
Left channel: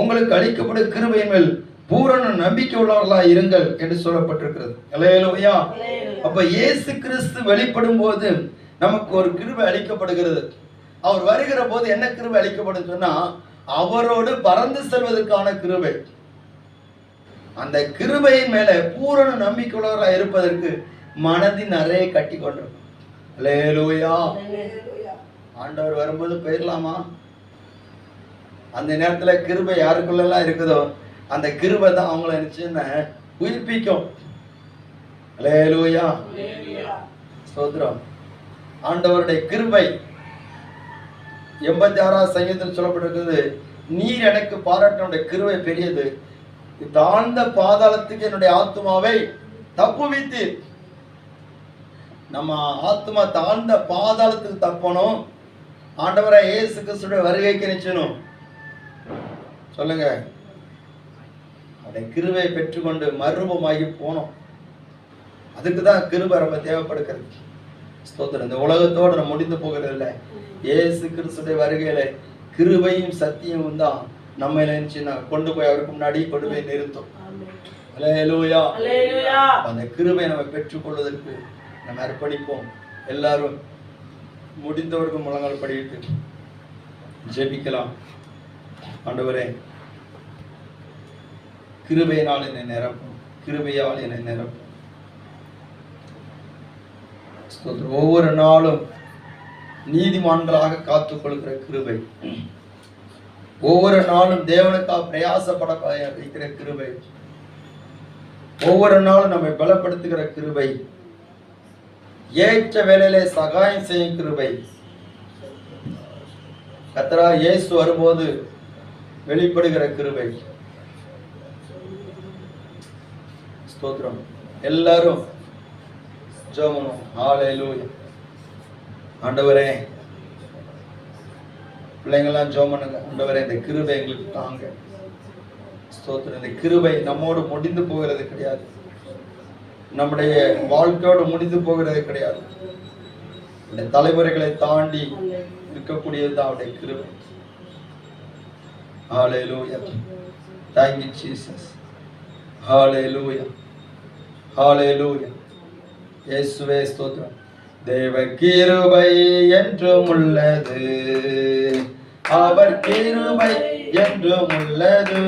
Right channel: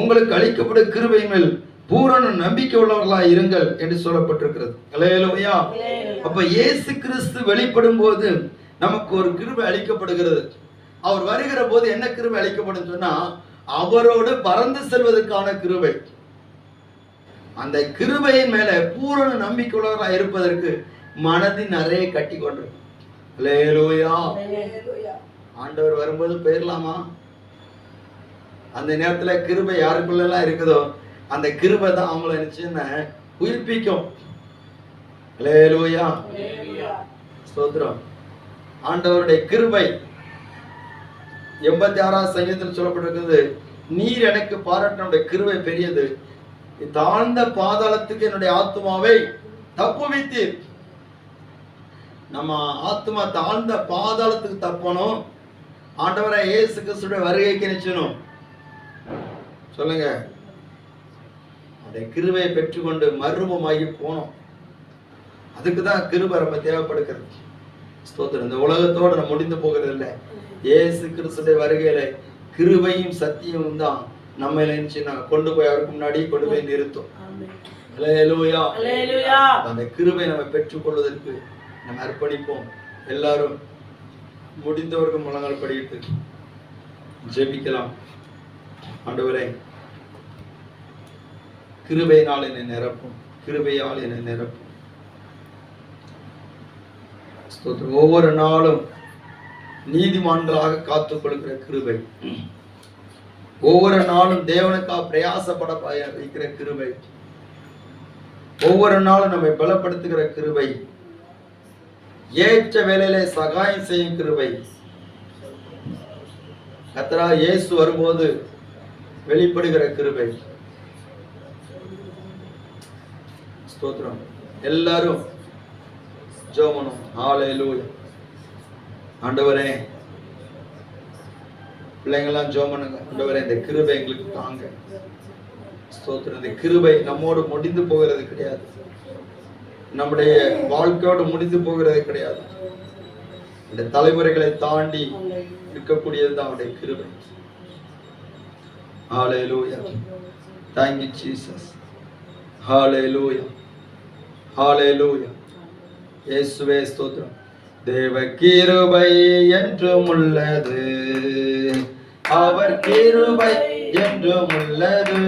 உங்களுக்கு அளிக்கப்படும் கிருபையின் மேல் பூரண நம்பிக்கை உள்ளவர்களாய் இருங்கள் என்று சொல்லப்பட்டிருக்கிறது. அல்லேலூயா. அப்ப இயேசு கிறிஸ்து வெளிப்படும் போது நமக்கு ஒரு கிருபை அளிக்கப்படுகிறது. அவர் வருகிற போது என்ன கிருபை அளிக்கப்படும் சொன்னா, அவரோடு பறந்து செல்வதற்கான கிருபை. அந்த கிருபையின் மேல பூரண நம்பிக்கை உள்ளவர்களாய் இருப்பதற்கு மனதின் அறையை கட்டி கொண்டிருக்கும். அல்லேலூயா. ஆண்டவர் வரும்போது போயிடலாமா? அந்த நேரத்துல கிருபை யாருக்குள்ளெல்லாம் இருக்குதோ அந்த கிருபை தான் அவங்கள நினைச்சுன்னு உயிர்ப்பிக்கும். அல்லேலூயா. ஸ்தோத்திரம். ஆண்டவருடைய கிருபை 86வது சங்கீதத்தில் சொல்லப்பட்டிருக்கிறது, நீர் எனக்கு பாராட்டினுடைய கிருபை பெரியது, தாழ்ந்த பாதாளத்துக்கு என்னுடைய ஆத்துமாவை தப்புவித்தீர். நம்ம ஆத்மா தாழ்ந்த பாதாளத்துக்கு தப்பணும். ஆண்டவரை இயேசு கிறிஸ்துடைய வருகைக்கு நிச்சயணும். சொல்லுங்க. அதை கிருபையை பெற்றுக்கொண்டு மறுரூபமாகி போனோம். அதுக்கு தான் கிருபை ரொம்ப தேவைப்படுகிறது. ஸ்தோத்திரம். இந்த உலகத்தோடு நம்ம முடிந்து போகிறது இல்லை. இயேசு கிறிஸ்துடைய வருகையில கிருபையும் சத்தியமும் தான் நம்ம நினைச்சுன்னா கொண்டு போய் அவருக்கு முன்னாடி கொண்டு போய் நிறுத்தும். அல்லேலூயா. அந்த கிருபை நம்ம பெற்றுக்கொள்வதற்கு நம்ம அர்ப்பணிப்போம். எல்லாரும் முடிந்தவர்கள் முழங்கால் படியிட்டு ஜெபிக்கலாம். ஆண்டவரே, கிருபையினால் என்னை நிரப்பும், கிருபையால் என்னை நிரப்பும். ஒவ்வொரு நாளும் நீதிமான்களாக காத்துக் கொள்கிற கிருபை, ஒவ்வொரு நாளும் தேவனுக்காக பிரயாசப்பட வைக்கிற கிருபை, ஒவ்வொரு நாளும் நம்மை பலப்படுத்துகிற கிருபை, ஏற்ற வேளையிலே சகாயம் செய்யும் கிருபை, கர்த்தராகிய இயேசு வரும்போது வெளிப்படுகிற கிருபை. ஸ்தோத்திரம். எல்லாரும் ஜெபம். ஹல்லேலூயா. ஆண்டவரே, பிள்ளைங்கெல்லாம் ஜெபம் பண்ணுங்க. ஆண்டவரே, இந்த கிருபை எங்களுக்கு தாங்க. ஸ்தோத்திரம். இந்த கிருபை நம்மோடு முடிந்து போகிறது கிடையாது, நம்முடைய வாழ்க்கையோடு முடிந்து போகிறது கிடையாது. இந்த தலைமுறைகளை தாண்டி இருக்கக்கூடியதுதான் அவருடைய கிருபை. ஹல்லேலூயா. Thank you Jesus. ஹல்லேலூயா. ஹல்லேலூயா. இயேசுவே ஸ்தோத்திரம். தேவ கிருபை என்றும் உள்ளது, அவர் கிருபை என்றும் உள்ளது.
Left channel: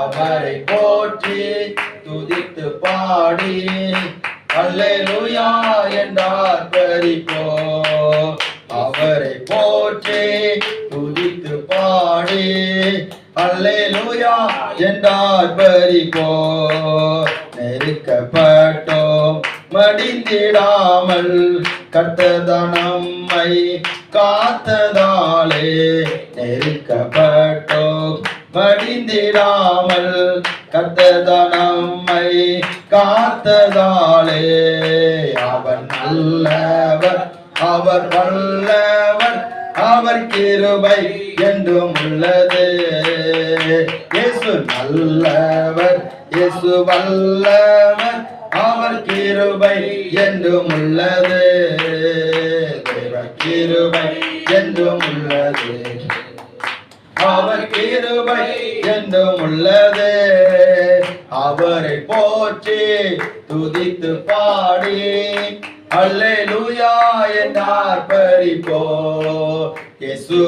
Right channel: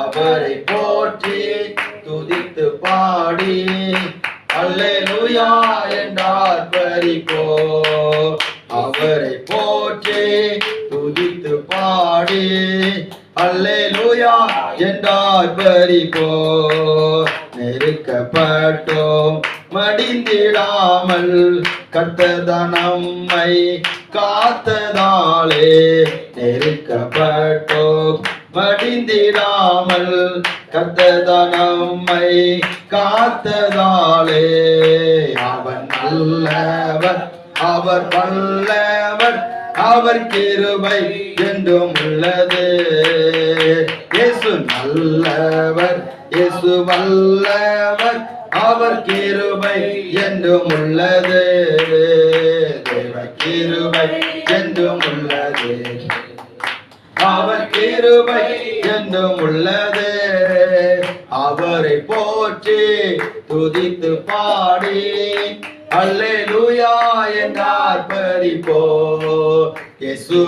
அவரை போற்றி துதித்து பாடி அல்லேலூயா என்றார் பரிபோ. அவரை போற்றி துதித்து பாடி அல்லேலூயா என்றார் பரிபோ. நெருக்கப்பட்டோம் மடிந்திடாமல் கர்த்தர் நம்மை காத்ததாலே. நெருக்கப்பட்டோம் மடிந்திடாமல் கர்த்தர் நம்மை காத்ததாலே. அவர் நல்லவர், அவர் வல்லவர், அவர் கிருபை என்றும் உள்ளது. இயேசு நல்லவர், இயேசு வல்லவர், அவர் கிருபை என்றும் உள்ளது. தேவ கிருபை என்றும் உள்ளது, அவர் கிருபை என்றும் உள்ளது. அவரை போற்றி துதித்து பாடி அல்லேலூயா என்றார் பரிபோ. இயேசு